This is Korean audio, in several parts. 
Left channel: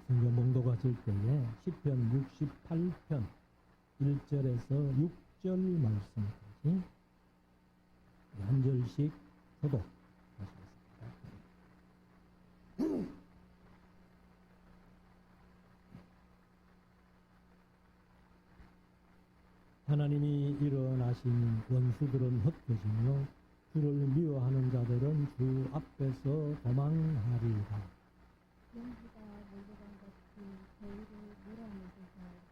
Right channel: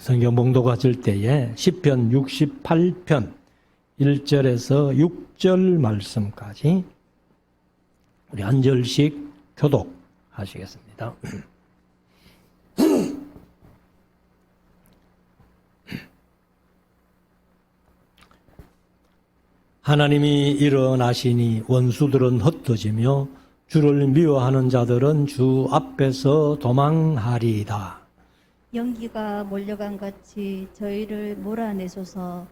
성경 봉독하실 때에 시편 68편 1절에서 6절 말씀까지 우리 한 절씩 교독하시겠습니다. 하나님이 일어나시니 원수들은 흩어지며 주를 미워하는 자들은 주 앞에서 도망하리이다. 연기가 몰려간 같이 저희를 몰아내소서.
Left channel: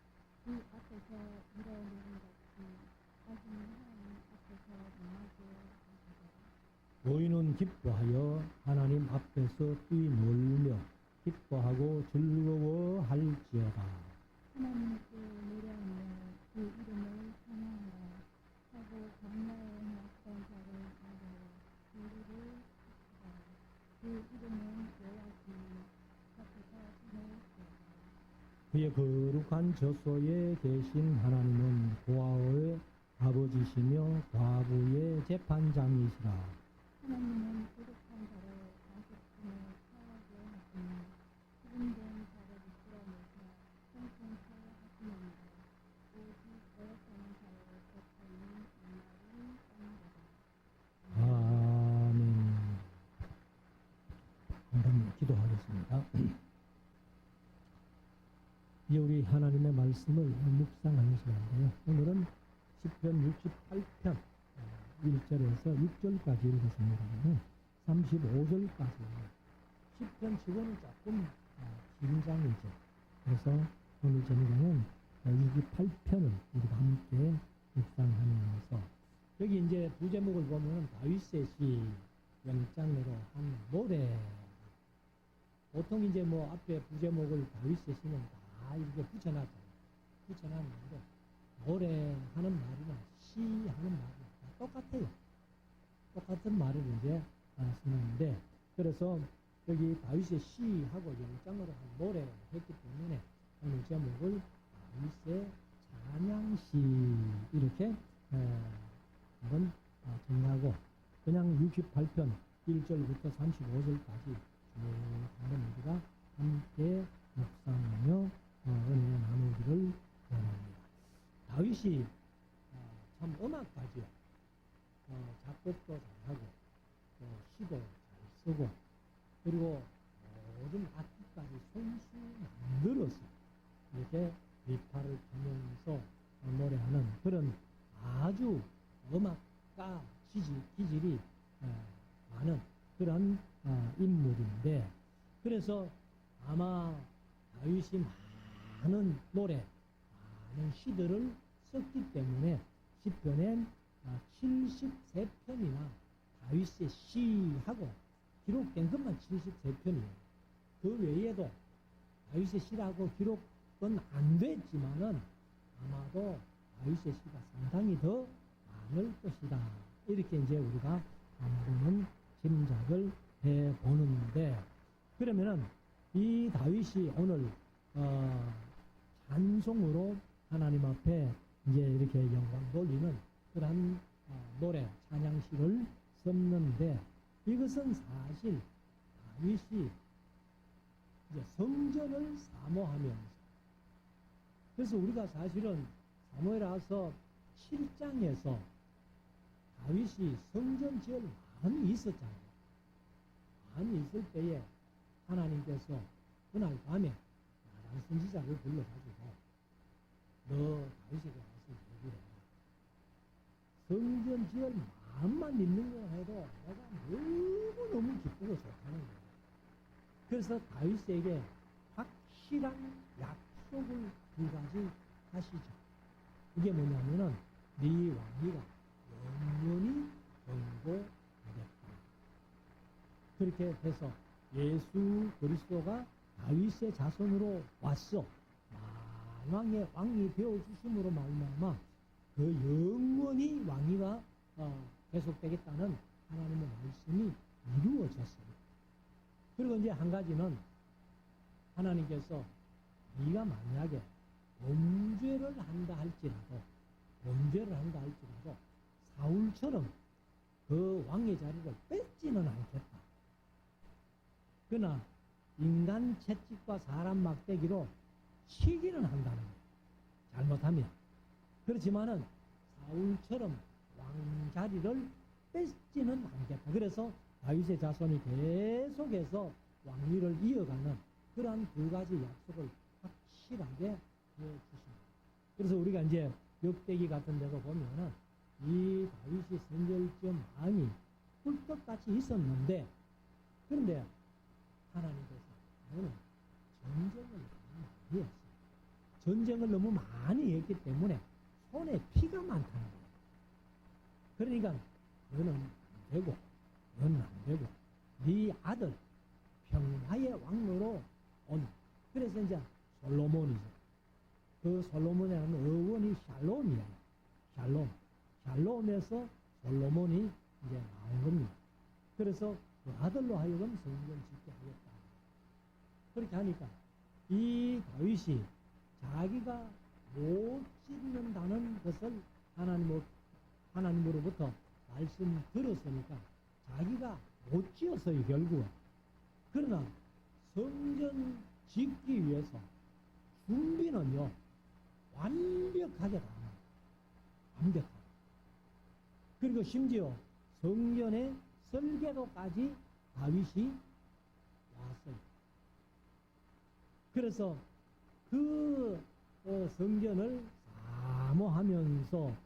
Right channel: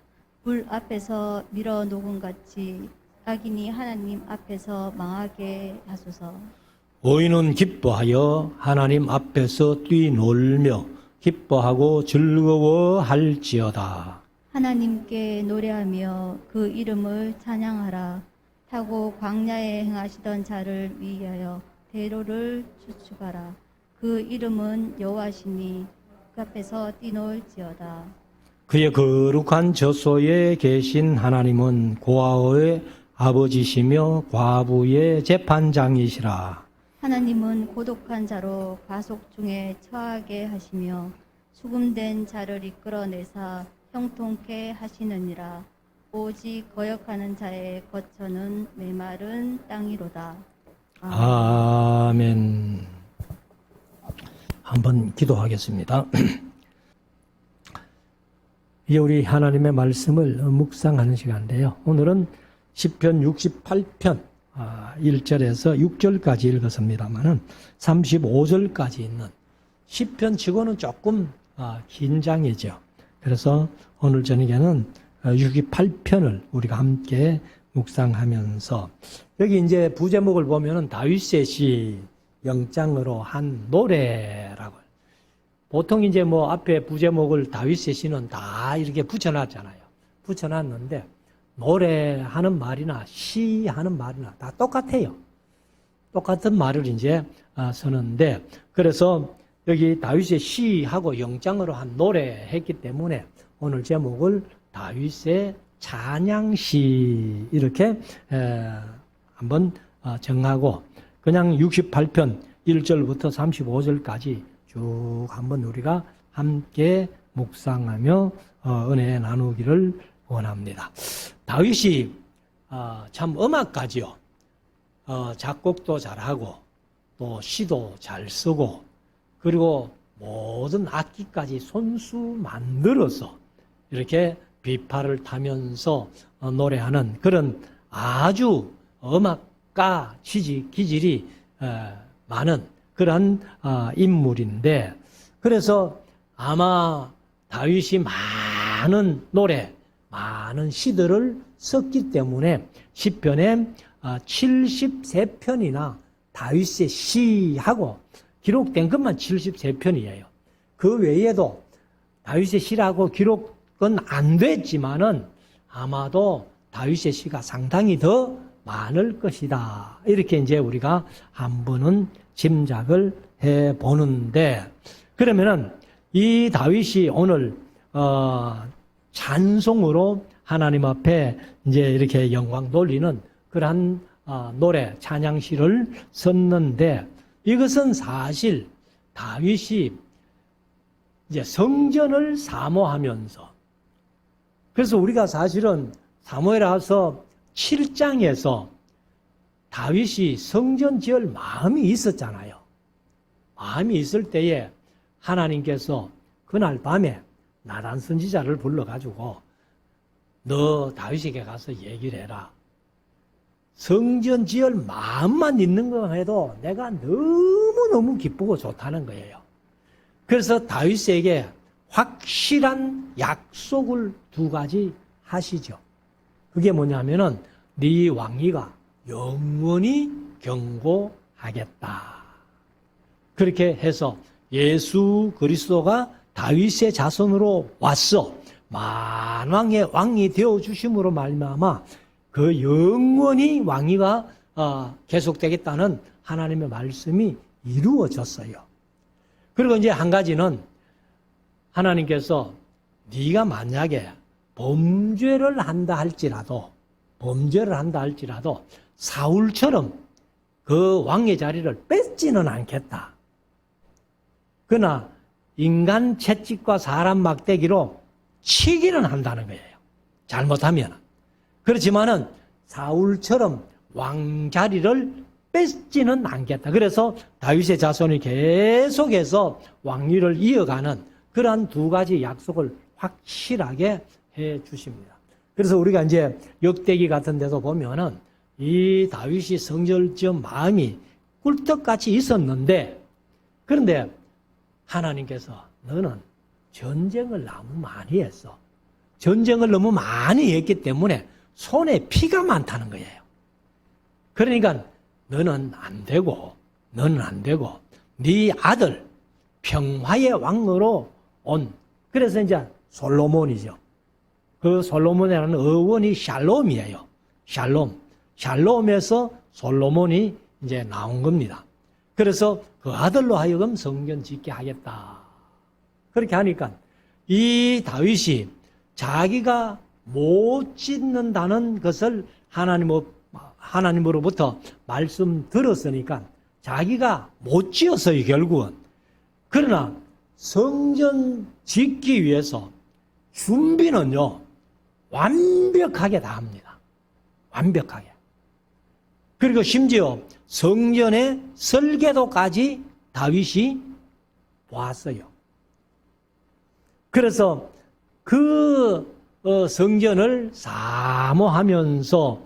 불 앞에서 밀어 녹은 같이 악인이 하나님 앞에서 망하게 하소서. 의인은 기뻐하여 하나님 앞에서 뛰놀며 기뻐하고 즐거워할지어다. 하나님께 노래하며 그 이름을 찬양하라. 타고 광야에 행하시던 자를 위하여 대로를 추축하라. 그 이름은 여호와시니 그 앞에서 뛰놀지어다. 그의 거룩한 저소에 계신 하나님은 고아의 아버지시며 과부의 재판장이시라. 하나님은 고독한 자로 가속 중에 처하게 하시며 수금된 자를 이끌어내사 형통케 하시느니라. 오직 거역하는 자의 거처는 메마른 땅이로다. 아멘. 한번 기도하겠습니다. 이제 우리 하나님의 말씀을 묵상하는 시간인데요. 오늘은 시편 68편 1절에서 6절까지 읽었습니다만 35절까지 있는 시편 치고는 조금 긴 장이죠. 그래서 오늘 저녁에는 68편을 우리가 함께 묵상하면서 여기 이제 부제목을 보면은 다윗의 시 영장으로 한 노래라고. 보통 이제 뭐 앞에 부제목을 다윗의 시는 다 이렇게 붙여놨잖아요. 붙여놨는데 노래하는 말이나 시하는 말이나 다 똑같아요. 똑같은 말을 이제 쓰는데 그래서 여기 다윗의 시하고 영장으로 한 노래 했기 때문에 오늘 제목을 다윗의 찬양시 이렇게 한번 정하고 그냥 68편 1절부터 35절까지 쭉 한번 우리가 함께 묵상하며 은혜 나누기를 원합니다. 다윗이 참 음악가지요. 작곡도 잘하고 또 시도 잘 쓰고 그리고 모든 악기까지 손수 만들어서 이렇게 비파를 타면서 노래하는 그런 아주 음악가 기질이 많은 그런 인물인데 그래서 아마 다윗이 많은 노래, 많은 시들을 썼기 때문에 시편에 73편이나 다윗의 시하고 기록된 것만 73편이에요. 그 외에도 다윗의 시라고 기록은 안 됐지만은 아마도 다윗의 시가 상당히 더 많을 것이다. 이렇게 이제 우리가 한 번은 짐작을 해 보는데 그러면은 이 다윗이 오늘 찬송으로 하나님 앞에 이제 이렇게 영광 돌리는 그러한 노래 찬양시를 썼는데 이것은 사실 다윗이 이제 성전을 사모하면서 그래서 우리가 사실은 사무엘하서 7장에서 다윗이 성전 지을 마음이 있었잖아요. 마음이 있을 때에 하나님께서 그날 밤에 나단 선지자를 불러가지고 너 다윗에게 가서 얘기를 해라. 성전 지을 마음만 있는 것만 해도 내가 너무너무 기쁘고 좋다는 거예요. 그래서 다윗에게 확실한 약속을 두 가지 하시죠. 그게 뭐냐면은 네 왕위가 영원히 경고하겠다. 그렇게 해서 예수 그리스도가 다윗의 자손으로 왔어. 만왕의 왕이 되어주심으로 말미암아 그 영원히 왕위가 계속되겠다는 하나님의 말씀이 이루어졌어요. 그리고 이제 한 가지는 하나님께서 네가 만약에 범죄를 한다 할지라도 사울처럼 그 왕의 자리를 뺏지는 않겠다. 그러나 인간 채찍과 사람 막대기로 치기는 한다는 거예요. 잘못하면. 그렇지만은 사울처럼 왕자리를 뺏지는 않겠다. 그래서 다윗의 자손이 계속해서 왕위를 이어가는 그러한 두 가지 약속을 확실하게 해 주십니다. 그래서 우리가 이제 역대기 같은 데서 보면은 이 다윗이 성전을 지은 마음이 꿀떡같이 있었는데, 그런데 하나님께서 너는 전쟁을 너무 많이 했어. 전쟁을 너무 많이 했기 때문에 손에 피가 많다는 거예요. 그러니까 너는 안 되고 네 아들 평화의 왕으로 온, 그래서 이제 솔로몬이죠. 그 솔로몬이라는 어원이 샬롬이에요. 샬롬에서 솔로몬이 이제 나온 겁니다. 그래서 그 아들로 하여금 성전 짓게 하겠다. 그렇게 하니까 이 다윗이 자기가 못 짓는다는 것을 하나님으로부터 말씀 들었으니까 자기가 못 지었어요, 결국은. 그러나 성전 짓기 위해서 준비는요, 완벽하게 다 합니다. 완벽하게. 그리고 심지어 성전의 설계도까지 다윗이 보았어요. 그래서 그 성전을 사모하면서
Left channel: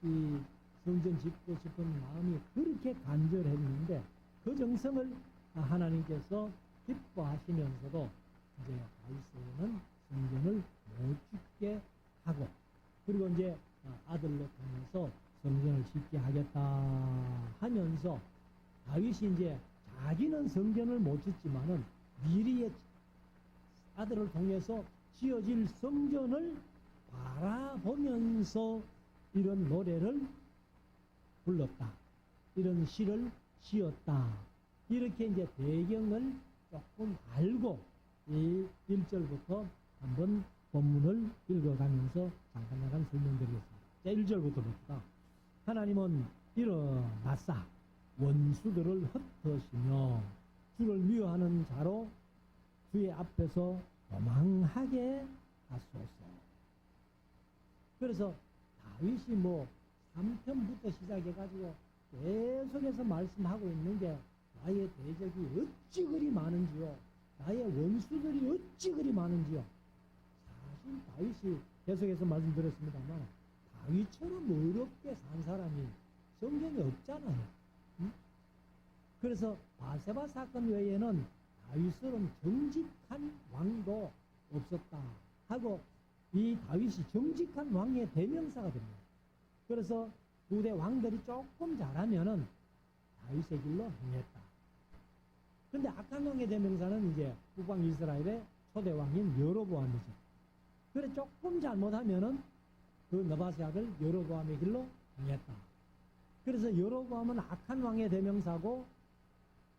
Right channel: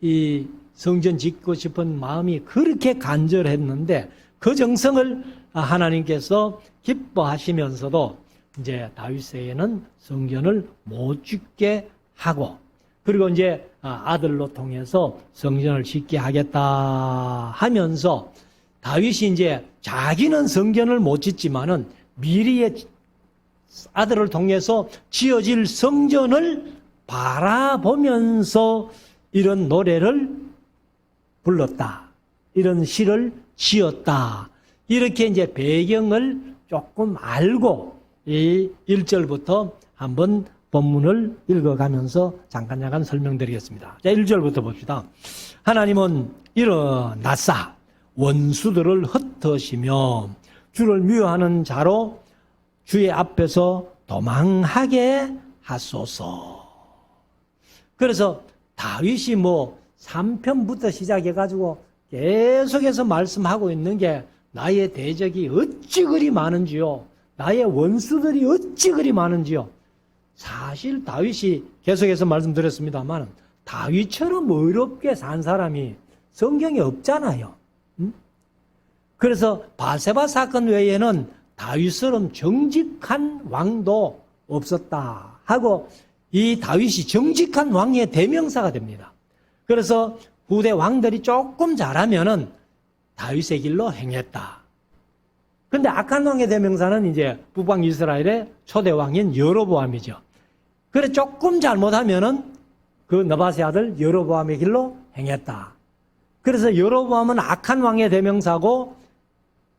이 성전 짓고 싶은 마음이 그렇게 간절했는데 그 정성을 하나님께서 기뻐하시면서도 이제 다윗에게는 성전을 못 짓게 하고, 그리고 이제 아들로 통해서 성전을 짓게 하겠다 하면서 다윗이 이제 자기는 성전을 못 짓지만은 미리의 아들을 통해서 지어질 성전을 바라보면서 이런 노래를 불렀다. 이런 시를 지었다. 이렇게 이제 배경을 조금 알고 이 1절부터 한번 본문을 읽어가면서 잠깐 설명드리겠습니다. 자, 1절부터 봅시다. 하나님은 일어나사 원수들을 흩으시며 주를 미워하는 자로 주의 앞에서 도망하게 하소서. 그래서 다윗이 3편부터 시작해가지고 계속해서 말씀하고 있는 게 나의 대적이 어찌 그리 많은지요. 나의 원수들이 어찌 그리 많은지요. 사실 다윗이 계속해서 말씀드렸습니다만 다윗처럼 어렵게 산 사람이 성경에 없잖아요. 그래서 바세바 사건 외에는 다윗처럼 정직한 왕도 없었다 하고 이 다윗이 정직한 왕의 대명사가 됩니다. 그래서 후대 왕들이 조금 잘하면은 다윗의 길로 행했다. 근데 악한 왕의 대명사는 이제 북방 이스라엘의 초대 왕인 여로보암이죠. 그래 조금 잘못하면은 그 느바세 아들 여로보암의 길로 행했다. 그래서 여로보암은 악한 왕의 대명사고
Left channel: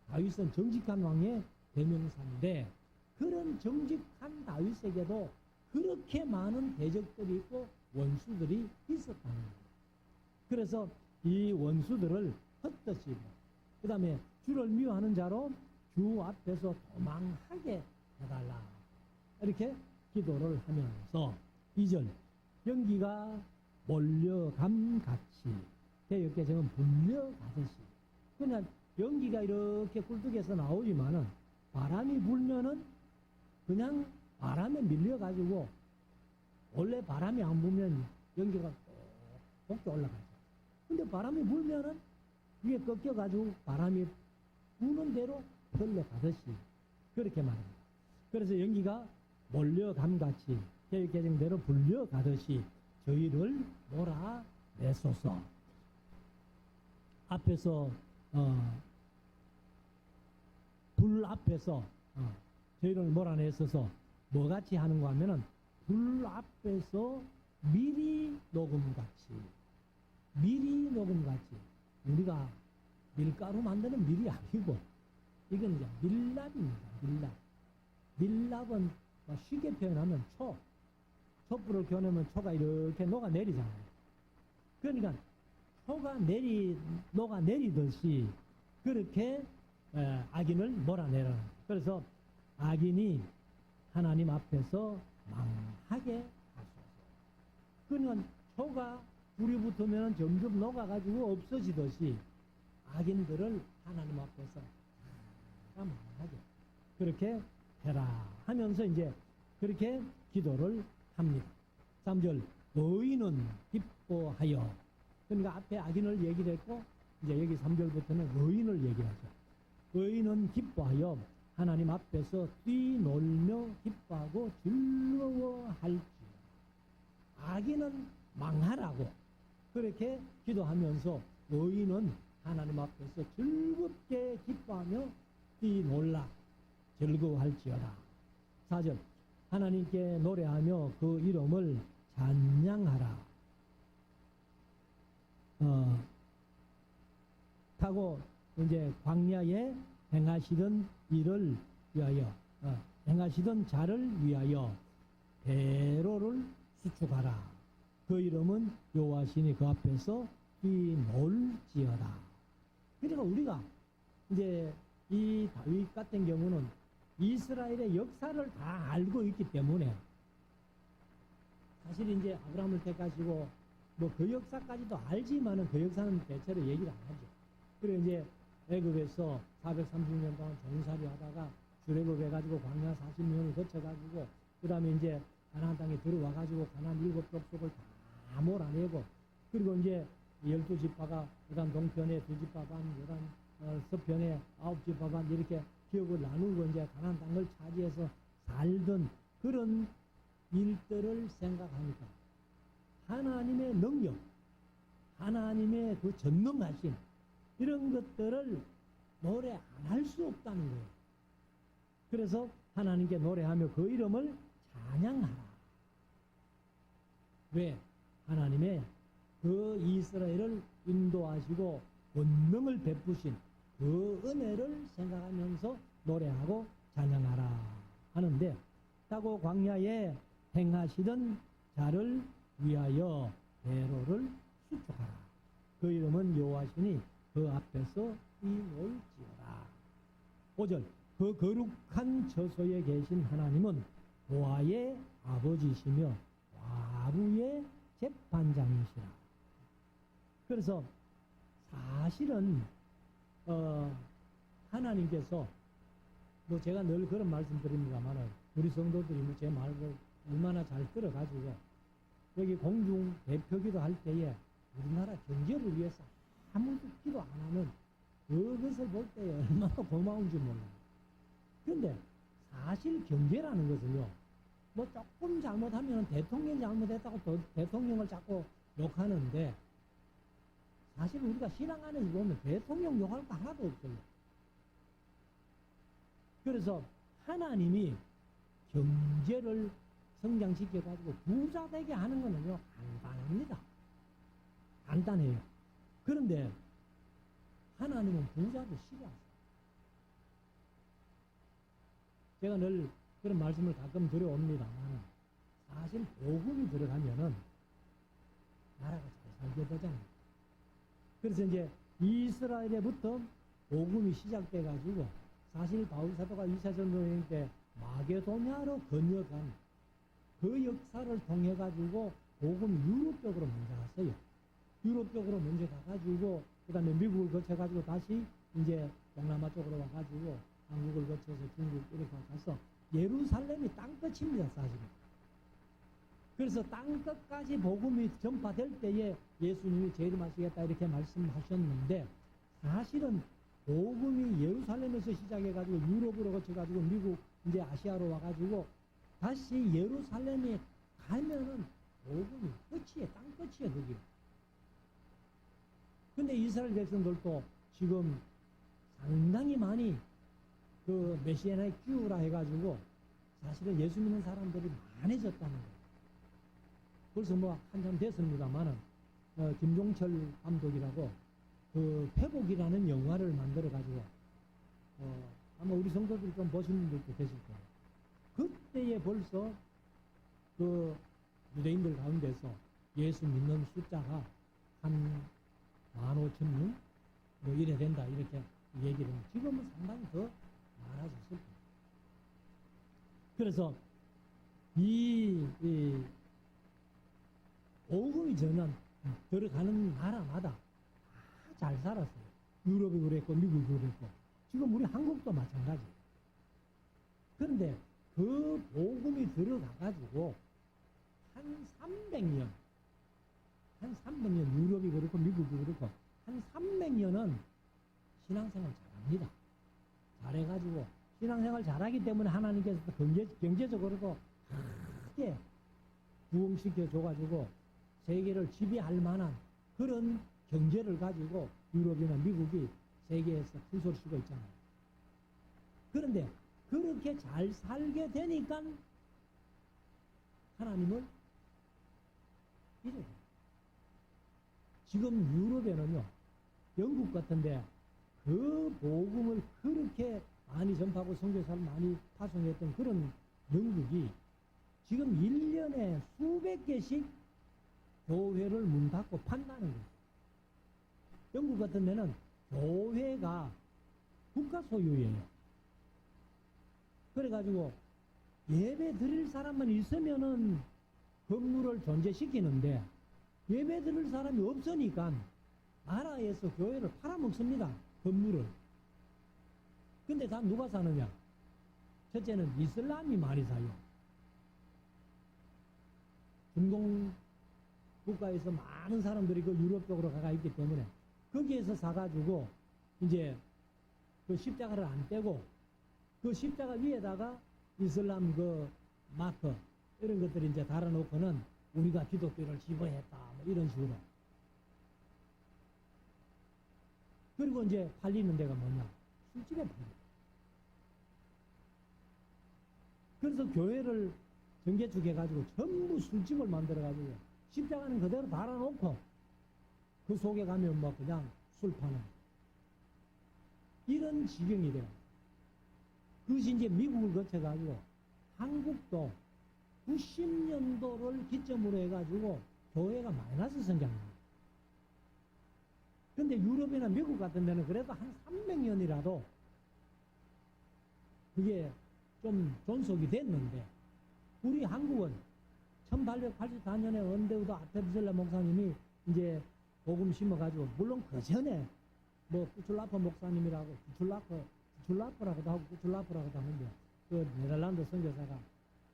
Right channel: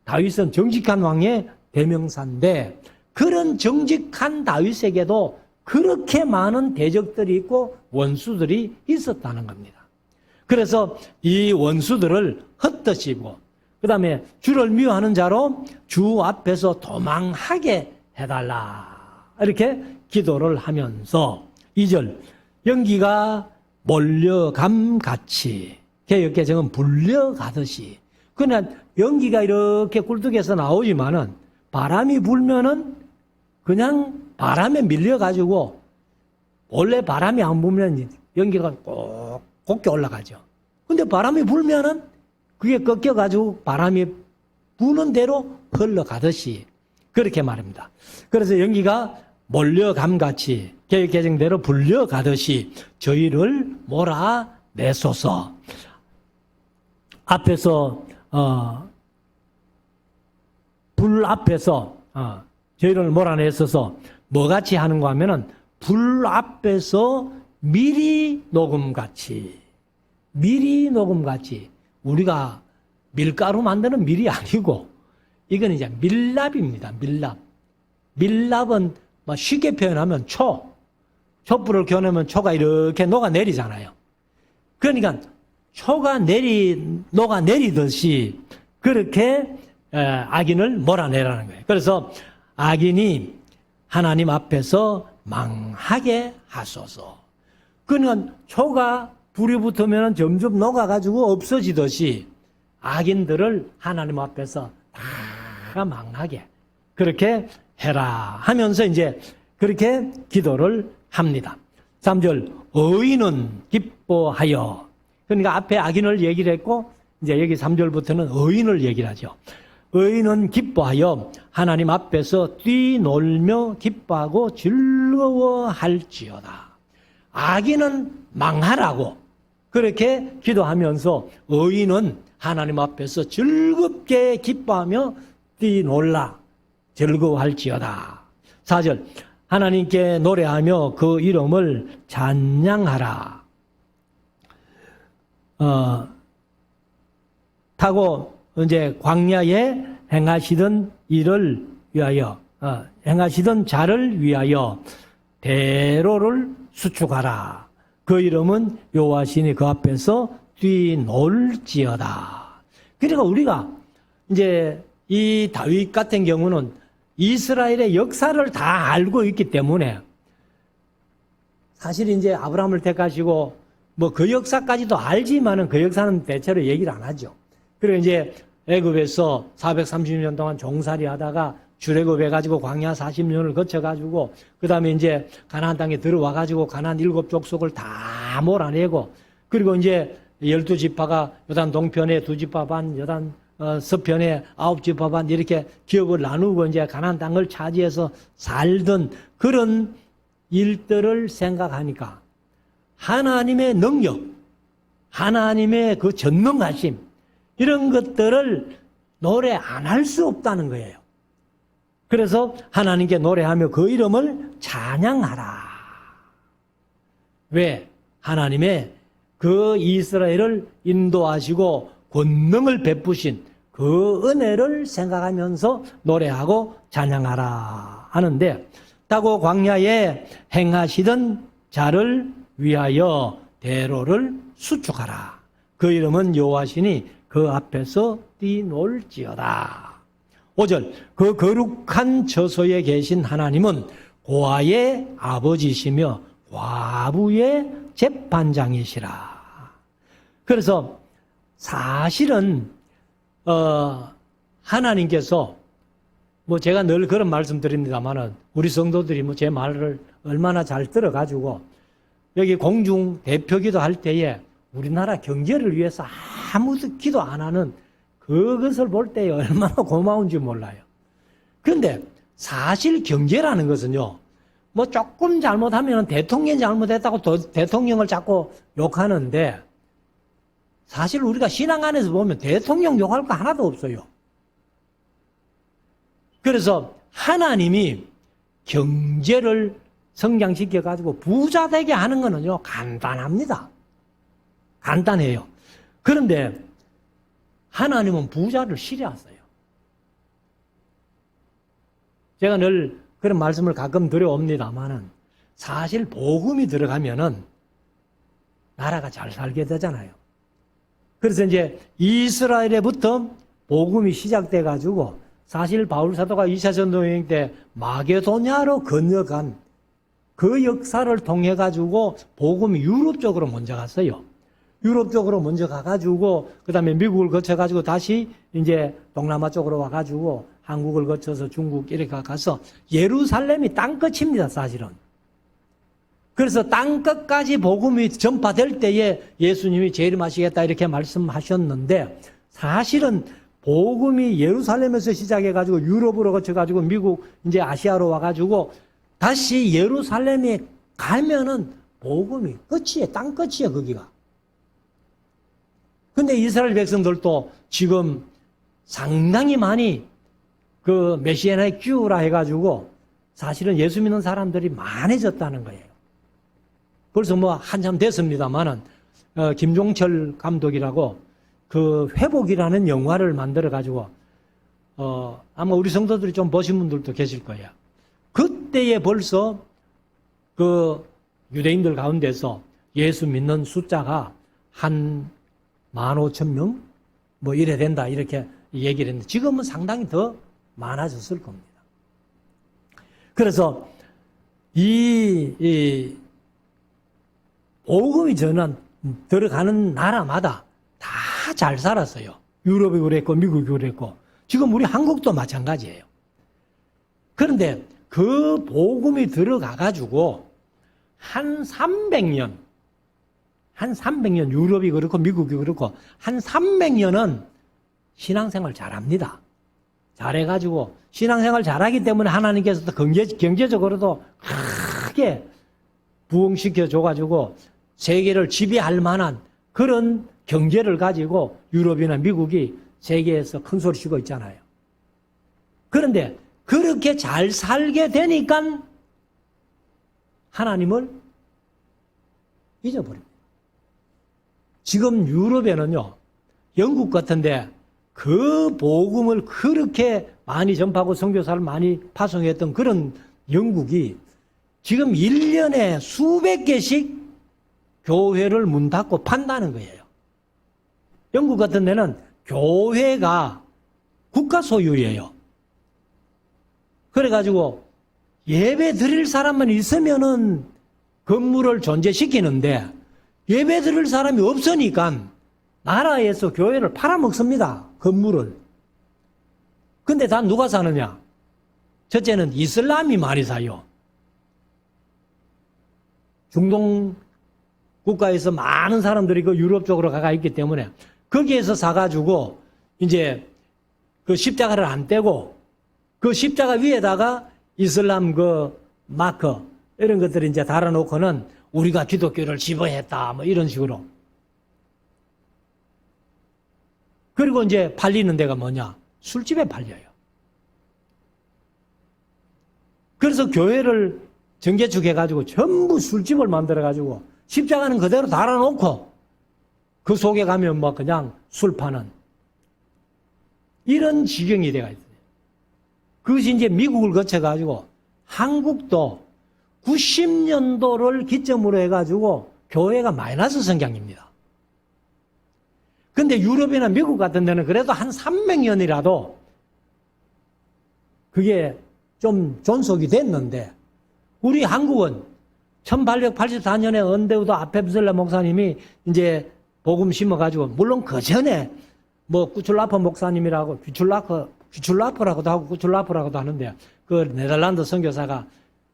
다윗은 정직한 왕의 대명사인데, 그런 정직한 다윗에게도 그렇게 많은 대적들이 있고 원수들이 있었다는 겁니다. 그래서 이 원수들을 흩으시고 그 다음에 주를 미워하는 자로 주 앞에서 도망하게 해달라, 이렇게 기도를 하면서 2절 연기가 몰려감같이, 개역개정은 불려가듯이. 그냥 연기가 이렇게 굴뚝에서 나오지만은 바람이 불면은 그냥 바람에 밀려가지고, 원래 바람이 안 불면 연기가 꼭 곱게 올라가죠. 근데 바람이 불면은 그게 꺾여가지고 바람이 부는 대로 흘러가듯이, 그렇게 말합니다. 그래서 연기가 몰려감같이 개정대로 불려가듯이 저희를 몰아내소서. 앞에서 불 앞에서 저희를 몰아내서서 뭐같이 하는가 하면은 불 앞에서 미리 녹음같이, 우리가 밀가루 만드는 밀이 아니고 이건 이제 밀랍입니다. 밀랍은 쉽게 표현하면 촛불을 겨누면 초가 이렇게 녹아내리잖아요. 그러니까 초가 녹아내리듯이 그렇게 악인을 몰아내라는 거예요. 그래서 악인이 하나님 앞에서 망하게 하소서. 그러니까 초가 불이 붙으면 점점 녹아가지고 없어지듯이 악인들을 하나님 앞에서 다 망하게 그렇게 해라 하면서 이제 그렇게 기도를 합니다. 3절 의인은 기뻐하여. 그러니까 앞에 악인을 얘기를 했고 이제 여기 3절부터는 의인을 얘기를 하죠. 의인은 기뻐하여 하나님 앞에서 뛰놀며 기뻐하고 즐거워할지어다. 악인은 망하라고 그렇게 기도하면서 의인은 하나님 앞에서 즐겁게 기뻐하며 뛰놀라 즐거워할지어다. 4절 하나님께 노래하며 그 이름을 찬양하라. 타고 이제 광야에 행하시던 일을 위하여 행하시던 자를 위하여 대로를 수축하라. 그 이름은 여호와시니 그 앞에서 뛰놀지어다. 그러니까 우리가 이제 이 다윗 같은 경우는 이스라엘의 역사를 다 알고 있기 때문에 사실 이제 아브라함을 택하시고 뭐 그 역사까지도 알지만은 그 역사는 대체로 얘기를 안 하죠. 그리고 이제 애굽에서 430년 동안 종살이 하다가 출애굽해가지고 광야 40년을 거쳐가지고 그 다음에 이제 가나안 땅에 들어와가지고 가나안 7족속을 다 몰아내고 그리고 이제 12지파가 요단 동편에 2지파 반, 요단 서편에 9지파 반 이렇게 기업을 나누고 이제 가나안 땅을 차지해서 살던 그런 일들을 생각하니까 하나님의 능력, 하나님의 그 전능하심 이런 것들을 노래 안 할 수 없다는 거예요. 그래서 하나님께 노래하며 그 이름을 찬양하라. 왜? 하나님의 그 이스라엘을 인도하시고 권능을 베푸신 그 은혜를 생각하면서 노래하고 찬양하라 하는데 타고 광야에 행하시던 자를 위하여 대로를 수축하라. 그 이름은 여호와시니 그 앞에서 뛰놀지어다. 5절 그 거룩한 처소에 계신 하나님은 고아의 아버지시며 과부의 재판장이시라. 그래서 사실은 하나님께서 뭐 제가 늘 그런 말씀 드립니다만은 우리 성도들이 뭐 제 말을 얼마나 잘 들어가지고 여기 공중 대표기도 할 때에 우리나라 경제를 위해서 아무도 기도 안 하는 그것을 볼 때 얼마나 고마운지 몰라요. 그런데 사실 경제라는 것은요, 뭐 조금 잘못하면 대통령이 잘못했다고 대통령을 자꾸 욕하는데 사실 우리가 신앙 안에서 보면 대통령 욕할 거 하나도 없어요. 그래서 하나님이 경제를 성장시켜가지고 부자 되게 하는 거는요, 간단합니다. 간단해요. 그런데 하나님은 부자를 싫어하세요. 제가 늘 그런 말씀을 가끔 드려옵니다만은 사실 복음이 들어가면은 나라가 잘 살게 되잖아요. 그래서 이제 이스라엘에부터 복음이 시작돼 가지고 사실 바울 사도가 2차 전도 여행 때 마게도냐로 건너간 그 역사를 통해 가지고 복음이 유럽 쪽으로 먼저 갔어요. 유럽 쪽으로 먼저 가가지고 그 다음에 미국을 거쳐가지고 다시 이제 동남아 쪽으로 와가지고 한국을 거쳐서 중국 이렇게 가서 예루살렘이 땅끝입니다, 사실은. 그래서 땅끝까지 복음이 전파될 때에 예수님이 재림하시겠다 이렇게 말씀하셨는데 사실은 복음이 예루살렘에서 시작해가지고 유럽으로 거쳐가지고 미국 이제 아시아로 와가지고 다시 예루살렘에 가면은 복음이 끝이에요, 땅끝이에요, 거기가. 근데 이스라엘 백성들도 지금 상당히 많이 그 메시아의 큐라 해가지고 사실은 예수 믿는 사람들이 많아졌다는 거예요. 벌써 뭐 한참 됐습니다만은 김종철 감독이라고 그 회복이라는 영화를 만들어가지고 아마 우리 성도들이 좀 보신 분들도 계실 거예요. 그때에 벌써 그 유대인들 가운데서 예수 믿는 숫자가 한 15,000명? 뭐 이래 된다. 이렇게 얘기를 했는데 지금은 상당히 더 많아졌을 겁니다. 그래서 이 복음이 전한 들어가는 나라마다 다 잘 살았어요. 유럽이 그랬고 미국이 그랬고 지금 우리 한국도 마찬가지예요. 그런데 그 복음이 들어가 가지고 한 300년 유럽이 그렇고 미국이 그렇고 한 300년은 신앙생활 잘합니다. 잘해가지고 신앙생활 잘하기 때문에 하나님께서도 경제적으로도 크게 부흥시켜 줘가지고 세계를 지배할 만한 그런 경제를 가지고 유럽이나 미국이 세계에서 큰 소리 치고 있잖아요. 그런데 그렇게 잘 살게 되니까 하나님을 잊어버립니다. 지금 유럽에는요, 영국 같은데 그 복음을 그렇게 많이 전파하고 선교사를 많이 파송했던 그런 영국이 지금 1년에 수백 개씩 교회를 문 닫고 판다는 거예요. 영국 같은 데는 교회가 국가 소유예요. 그래가지고 예배 드릴 사람만 있으면은 건물을 존재시키는데 예배 드릴 사람이 없으니까 나라에서 교회를 팔아먹습니다. 건물을. 근데 다 누가 사느냐? 첫째는 이슬람이 많이 사요. 중동 국가에서 많은 사람들이 그 유럽 쪽으로 가가 있기 때문에 거기에서 사가지고 이제 그 십자가를 안 떼고 그 십자가 위에다가 이슬람 그 마크 이런 것들을 이제 달아놓고는 우리가 기독교를 지배했다 뭐 이런 식으로. 그리고 이제 팔리는 데가 뭐냐? 술집에 팔려요. 그래서 교회를 전개축해가지고 전부 술집을 만들어가지고 십자가는 그대로 달아놓고 그 속에 가면 뭐 그냥 술 파는 이런 지경이 돼가 있어요. 그것이 이제 미국을 거쳐가지고 한국도 90년도를 기점으로 해가지고 교회가 마이너스 성장입니다. 근데 유럽이나 미국 같은 데는 그래도 한 300년이라도 그게 좀 존속이 됐는데 우리 한국은 1884년에 언데우도 아페브셀라 목사님이 이제 복음 심어가지고 물론 그 전에 뭐 구출라퍼 목사님이라고 귀출라퍼라고도 하고 구출라퍼라고도 하는데 그 네덜란드 선교사가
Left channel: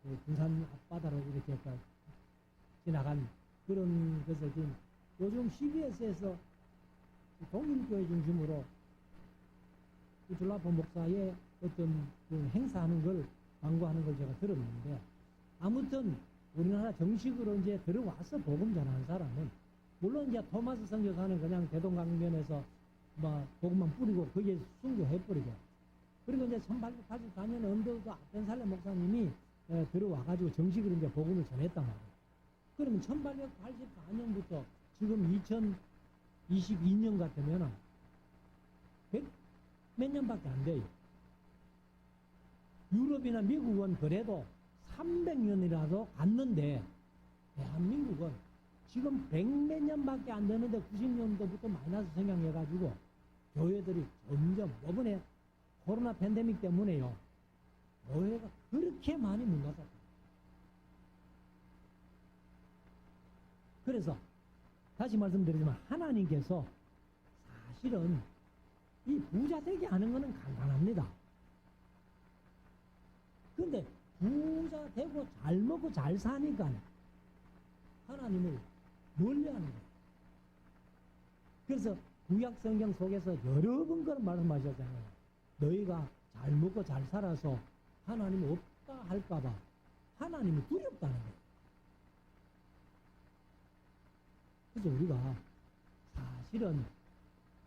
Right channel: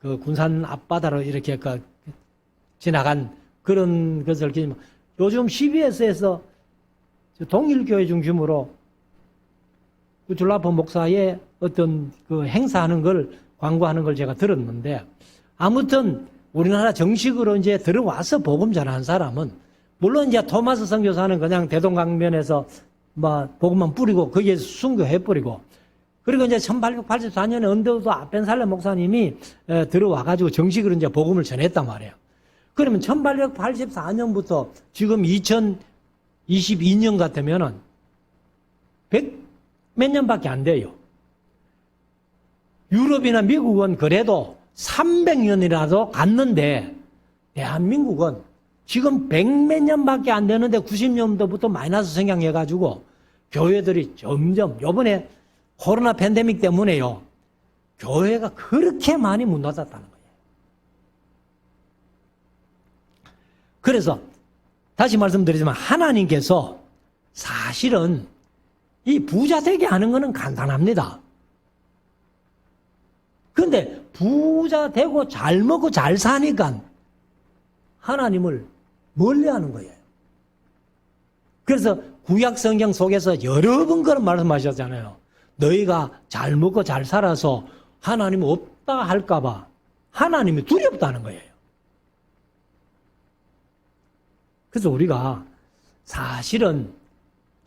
그 군산 앞바다로 이렇게 그 지나간 그런 것을 기념. 요즘 CBS에서 동일교회 중심으로 구출라퍼 목사의 어떤 그 행사하는 걸 광고하는 걸 제가 들었는데 아무튼 우리나라 정식으로 이제 들어와서 복음 전하는 사람은 물론 이제 토마스 선교사는 그냥 대동강변에서 뭐 복음만 뿌리고 거기에서 순교해 버리고 그리고 이제 1884년에 언더우드 아펜살레 목사님이 들어와가지고 정식으로 이제 복음을 전했단 말이에요. 그러면 1884년부터 지금 2022년 같으면은 100 몇 년밖에 안 돼요. 유럽이나 미국은 그래도 300년이라도 갔는데 대한민국은 지금 100몇 년밖에 안 되는데 90년도부터 마이너스 성장해가지고 교회들이 점점 요번에 코로나 팬데믹 때문에요. 교회가 그렇게 많이 문 닫았다는 거예요. 그래서 다시 말씀드리지만 하나님께서 사실은 이 부자 되게 하는 거는 간단합니다. 근데 부자 되고 잘 먹고 잘 사니까 하나님을 멀리하는 거예요. 그래서 구약 성경 속에서 여러 번 그런 말씀하셨잖아요. 너희가 잘 먹고 잘 살아서 하나님 없다 할까 봐 하나님이 두렵다는 거예요. 그래서 우리가 사실은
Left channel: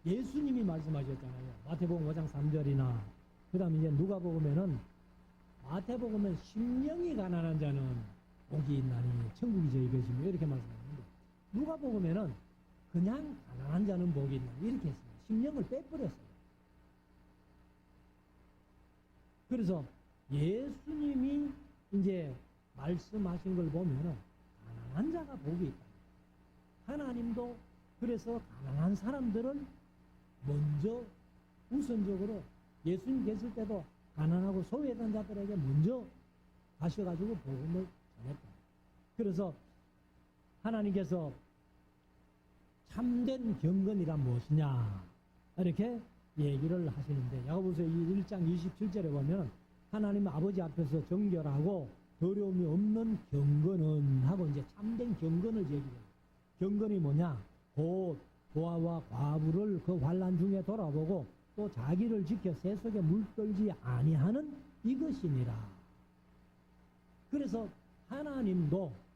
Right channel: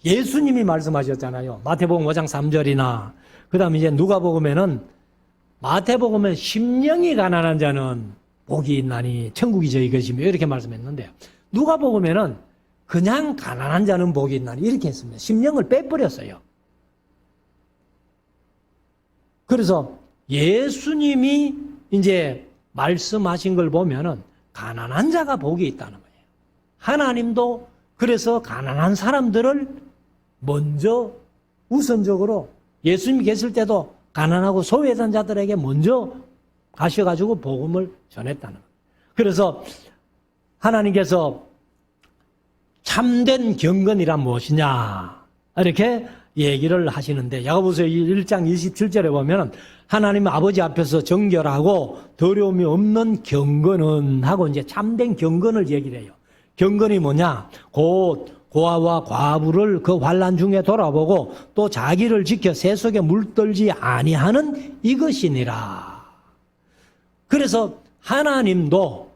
예수님이 말씀하셨잖아요. 마태복음 5장 3절이나 그 다음에 이제 누가복음에는 마태복음은 심령이 가난한 자는 복이 있나니 천국이 저희 것이며 이렇게 말씀했는데 누가복음에는 그냥 가난한 자는 복이 있나니 이렇게 했습니다. 심령을 빼버렸어요. 그래서 예수님이 이제 말씀하신 걸 보면은 가난한 자가 복이 있다는 거예요. 하나님도 그래서 가난한 사람들을 먼저 우선적으로 예수님이 계실 때도 가난하고 소외된 자들에게 먼저 가셔가지고 복음을 전했다는 거예요. 그래서 하나님께서 참된 경건이란 무엇이냐 이렇게 얘기를 하시는데, 야고보서 1장 27절에 보면 하나님 아버지 앞에서 정결하고 더러움이 없는 경건은 하고 이제 참된 경건을 얘기를 해요. 경건이 뭐냐? 곧 고아와 과부를 그 환난 중에 돌아보고 또 자기를 지켜 새 속에 물들지 아니하는 이것이니라. 그래서 하나님도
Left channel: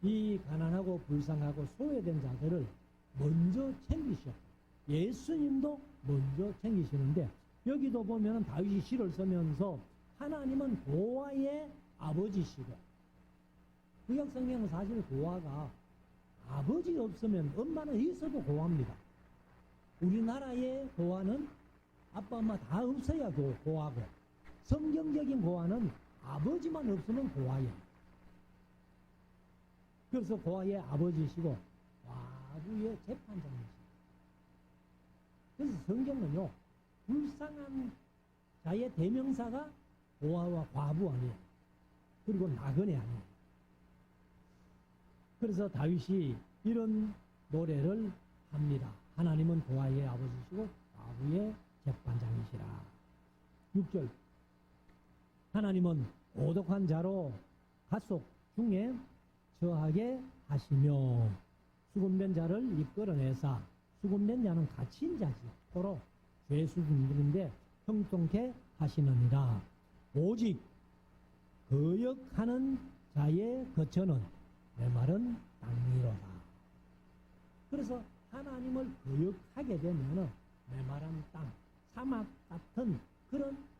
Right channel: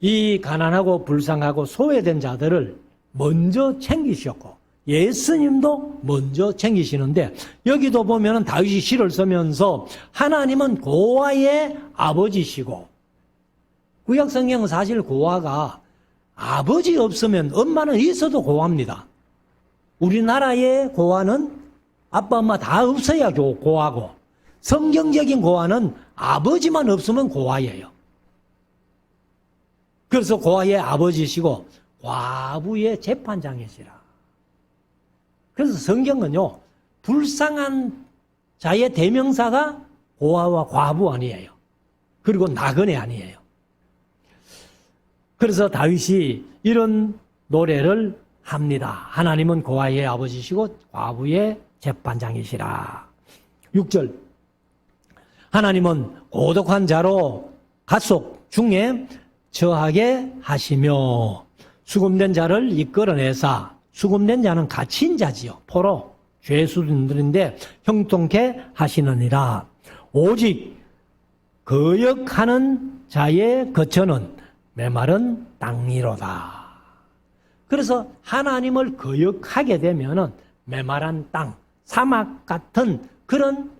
이 가난하고 불쌍하고 소외된 자들을 먼저 챙기셨고 예수님도 먼저 챙기시는데, 여기도 보면 다윗이 시를 쓰면서 하나님은 고아의 아버지시고, 구약성경은 사실 고아가 아버지 없으면 엄마는 있어도 고아입니다. 우리나라의 고아는 아빠 엄마 다 없어야 고아고, 성경적인 고아는 아버지만 없으면 고아예요. 그래서 고아의 아버지시고 과부의 재판장이시라. 그래서 성경은요, 불쌍한 자의 대명사가 고아와 과부 아니에요. 그리고 나그네 아니에요. 그래서 다윗이 이런 노래를 합니다. 하나님은 고아의 아버지시고 과부의 재판장이시라. 6절, 하나님은 고독한 자로 갓속 중에 처하게 하시며 수금된 자를 이끌어내사, 수금된 자는 갇힌 자지요. 포로 죄수들인데 형통케 하시느니라. 오직 거역하는 자의 거처는 메마른 땅이로다. 그래서 하나님을 거역하게 되면은 메마른 땅, 사막 같은 그런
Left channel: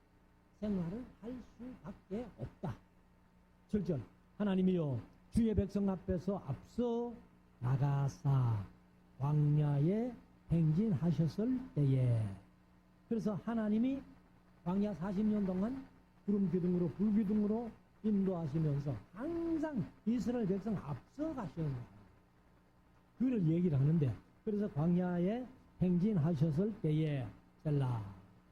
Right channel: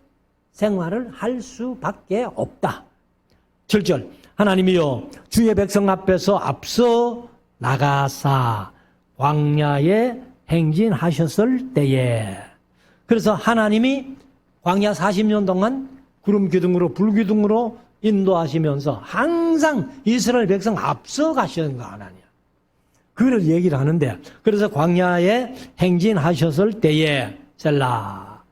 생활을 할 수밖에 없다. 7절, 하나님이여 주의 백성 앞에서 앞서 나가사 광야에 행진하셨을 때에. 그래서 하나님이 광야 40년 동안 구름 기둥으로 불기둥으로 인도하시면서 항상 이스라엘 백성 앞서 가시는 거 하나님. 그걸 얘기를 하는데, 그래서 광야에 행진하셨을 때에 셀라.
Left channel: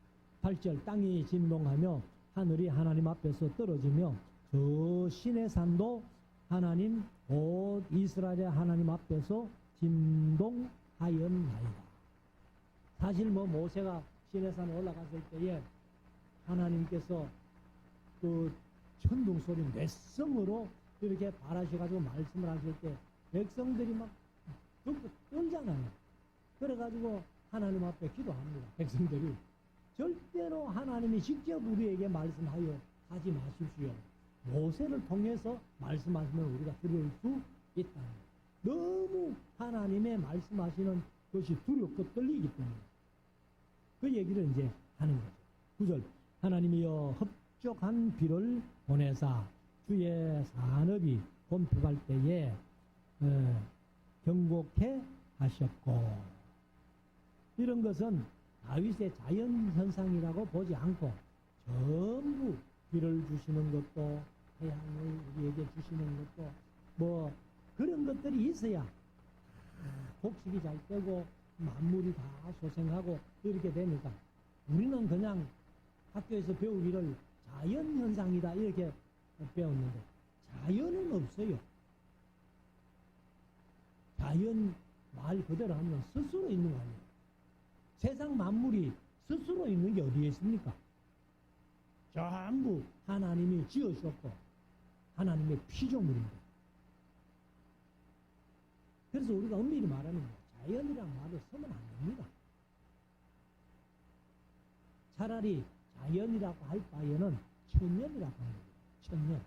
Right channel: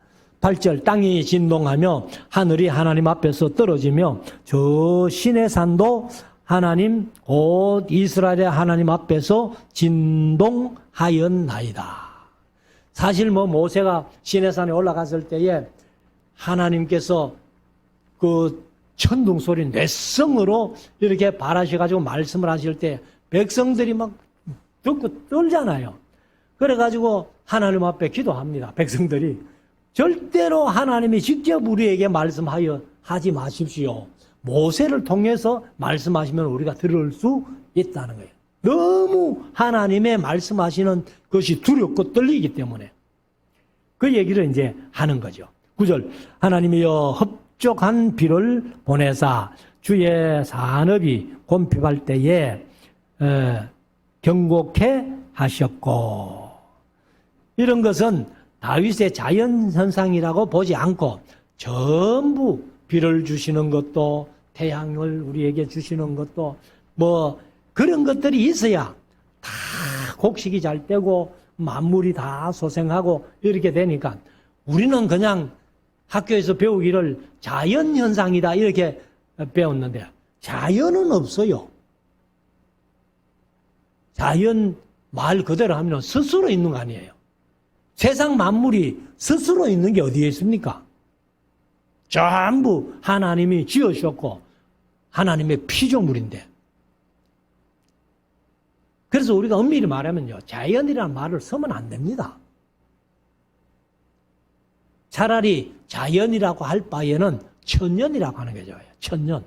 8절, 땅이 진동하며 하늘이 하나님 앞에서 떨어지며 저 신의 산도 하나님 곧 이스라엘의 하나님 앞에서 진동하였나이다. 사실 모세가 시내산에 올라갔을 때에 하나님께서 그 천둥 소리 뇌성으로 이렇게 발하셔가지고 말씀을 하실 때 백성들이 막 듣고 떨잖아요. 그래가지고 하나님 앞에 기도합니다. 백성들이 절대로 하나님이 직접 우리에게 말씀하여 하지 마십시오. 모세를 통해서 말씀하시면 우리가 들을 수 있다는 거예요. 너무 하나님의 말씀하시는 것이 두렵고 떨리기 때문에 그 얘기를 이제 하는 거죠. 9절, 하나님이여 흡족한 비를 보내사 주의 산업이 곤핍할 때에 경고케 하셨고. 이런 것은 다윗의 자연현상이라고 보지 않고 전부 비를 주시는 것도 태양을 우리에게 주시는 것도 뭐 그런 것들이 있어야 다 곡식이 잘 되고 만물이 다 소생하고 이렇게 되니까 우리는 그냥 학교에서 배우기를 자연현상이다 이렇게 배웠는데 자연은 없어요. 자연 말 그대로 하면 스스로 있는 거 아니에요. 세상 만물이 스스로 있는 게 어디에 있습니까? 전부 하나님이 지으셨고 하나님의 피조물인데. 그래서 우리가 엄밀히 말하면요, 자연이라는 말을 쓰면 안 됩니다. 차라리 자연이라고 할 바에는 천년이라고 하는 게 좋아요. 천년.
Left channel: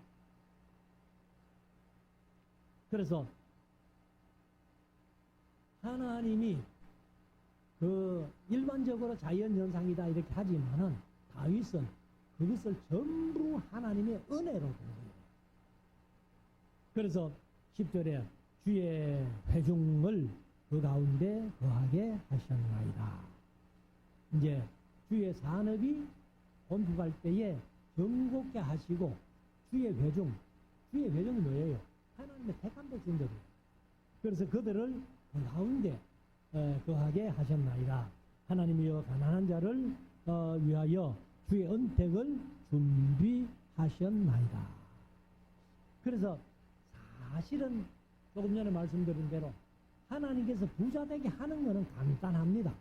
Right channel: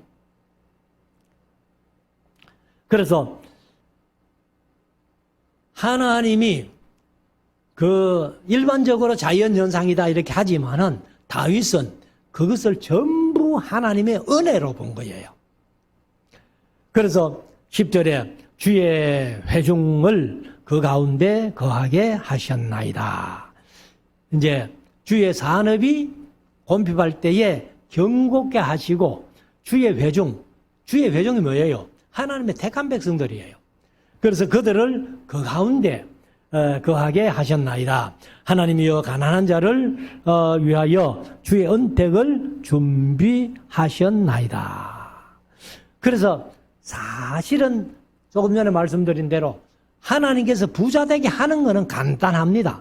그래서 하나님이 그 일반적으로 자연현상이다 이렇게 하지만은 다윗은 그것을 전부 하나님의 은혜로 본 거예요. 그래서 10절에 주의 회중을 그 가운데 거하게 하셨나이다. 이제 주의 산업이 곤핍할 때에 경고케 하시고 주의 회중이 뭐예요? 하나님의 택한 백성들이에요. 그래서 그들을 그 가운데 거하게 하셨나이다. 하나님이여 가난한 자를 위하여 주의 은택을 준비하셨나이다. 그래서 사실은 조금 전에 말씀드린 대로 하나님께서 부자 되게 하는 것은 간단합니다.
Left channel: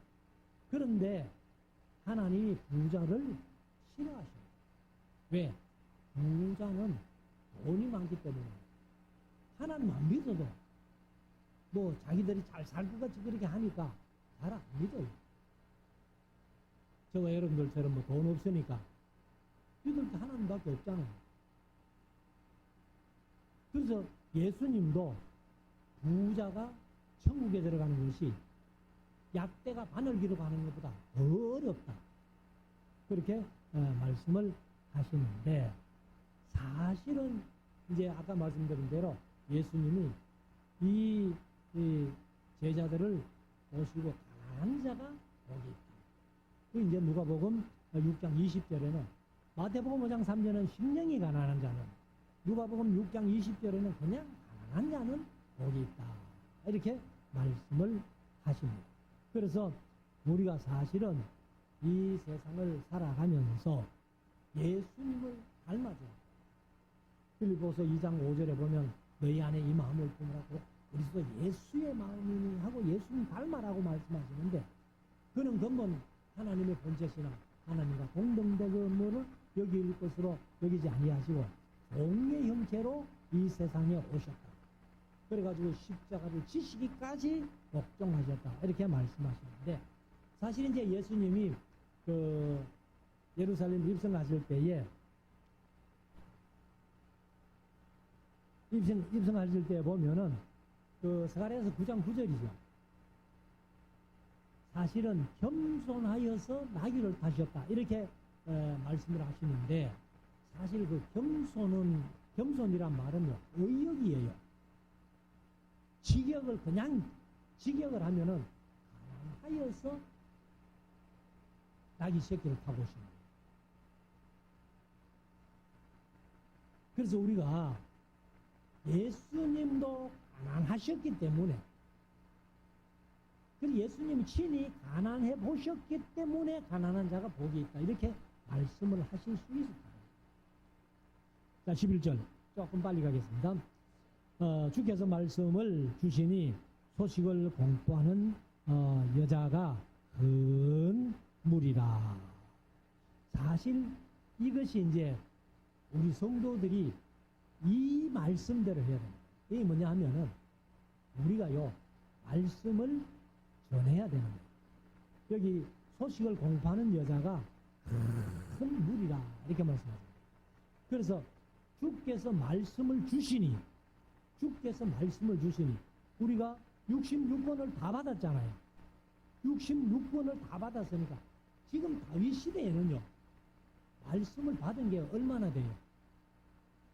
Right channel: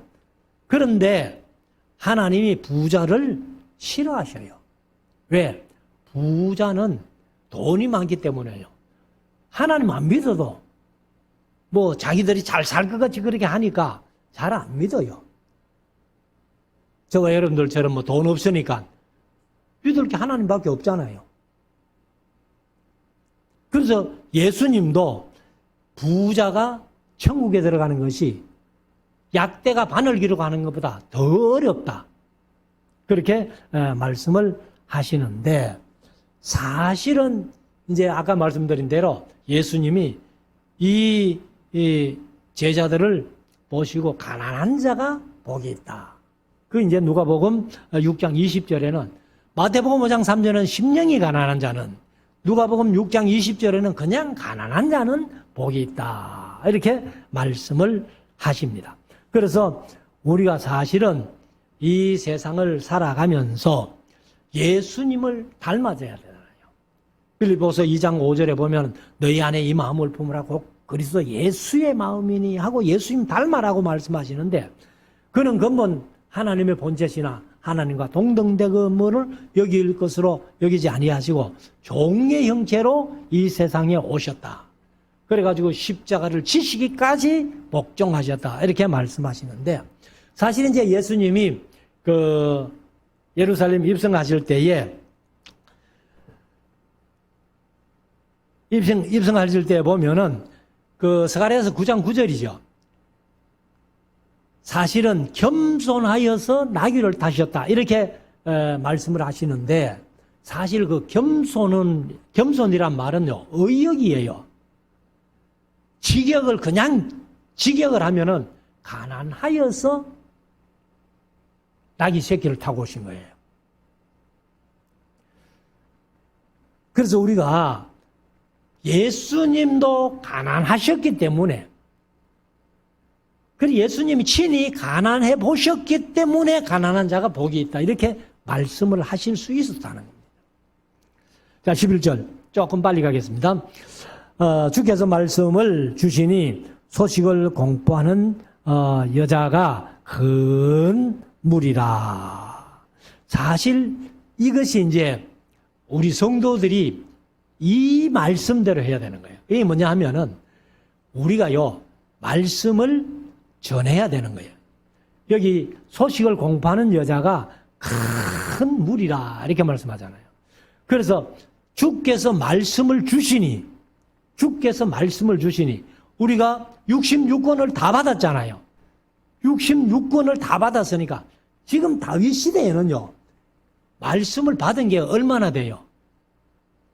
그런데 하나님이 부자를 싫어하셔요. 왜? 부자는 돈이 많기 때문에요. 하나님 안 믿어도 뭐 자기들이 잘 살 것 같이 그렇게 하니까 잘 안 믿어요. 저와 여러분들처럼 뭐 돈 없으니까 믿을 게 하나님밖에 없잖아요. 그래서 예수님도 부자가 천국에 들어가는 것이 약대가 바늘기로 가는 것보다 더 어렵다. 그렇게 말씀을 하시는데, 사실은 이제 아까 말씀드린 대로 예수님이 이 제자들을 보시고 가난한 자가 복이 있다. 그 이제 누가복음 6장 20절에는, 마태복음 5장 3절에는 심령이 가난한 자는, 누가복음 6장 20절에는 그냥 가난한 자는 복이 있다. 이렇게 말씀을 하십니다. 그래서 우리가 사실은 이 세상을 살아가면서 예수님을 닮아져야 되잖아요. 빌립보서 2장 5절에 보면 너희 안에 이 마음을 품으라 곧 그리스도 예수의 마음이니 하고 예수님 닮아라고 말씀하시는데, 그는 근본 하나님의 본체시나 하나님과 동등됨을 여길 것으로 여기지 아니하시고 종의 형체로 이 세상에 오셨다. 그래가지고 십자가를 지시기까지 복종하셨다. 이렇게 말씀하시는데, 사실 이제 예수님이 그 예루살렘 입성하실 때에 입성하실 때 보면은 그 스가랴서 9장 9절이죠. 사실은 겸손하여서 나귀를 타셨다. 이렇게 말씀을 하시는데, 사실 그 겸손이란 말은요, 의역이에요. 직역을 그냥 직역을 하면은 가난하여서 나귀 새끼를 타고 오신 거예요. 그래서 우리가 예수님도 가난하셨기 때문에, 그리고 예수님이 친히 가난해 보셨기 때문에 가난한 자가 복이 있다. 이렇게 말씀을 하실 수 있었다는 겁니다. 자, 11절 조금 빨리 가겠습니다. 주께서 말씀을 주시니 소식을 공포하는 여자가 큰 무리라. 사실 이것이 이제 우리 성도들이 이 말씀대로 해야 되는 거예요. 이게 뭐냐 하면은 우리가요, 말씀을 전해야 되는 거예요. 여기 소식을 공포하는 여자가 큰 무리라 이렇게 말씀하잖아요. 그래서 주께서 말씀을 주시니 우리가 66권을 다 받았잖아요. 66권을 다 받았으니까 지금 다윗 시대에는요, 말씀을 받은 게 얼마나 돼요?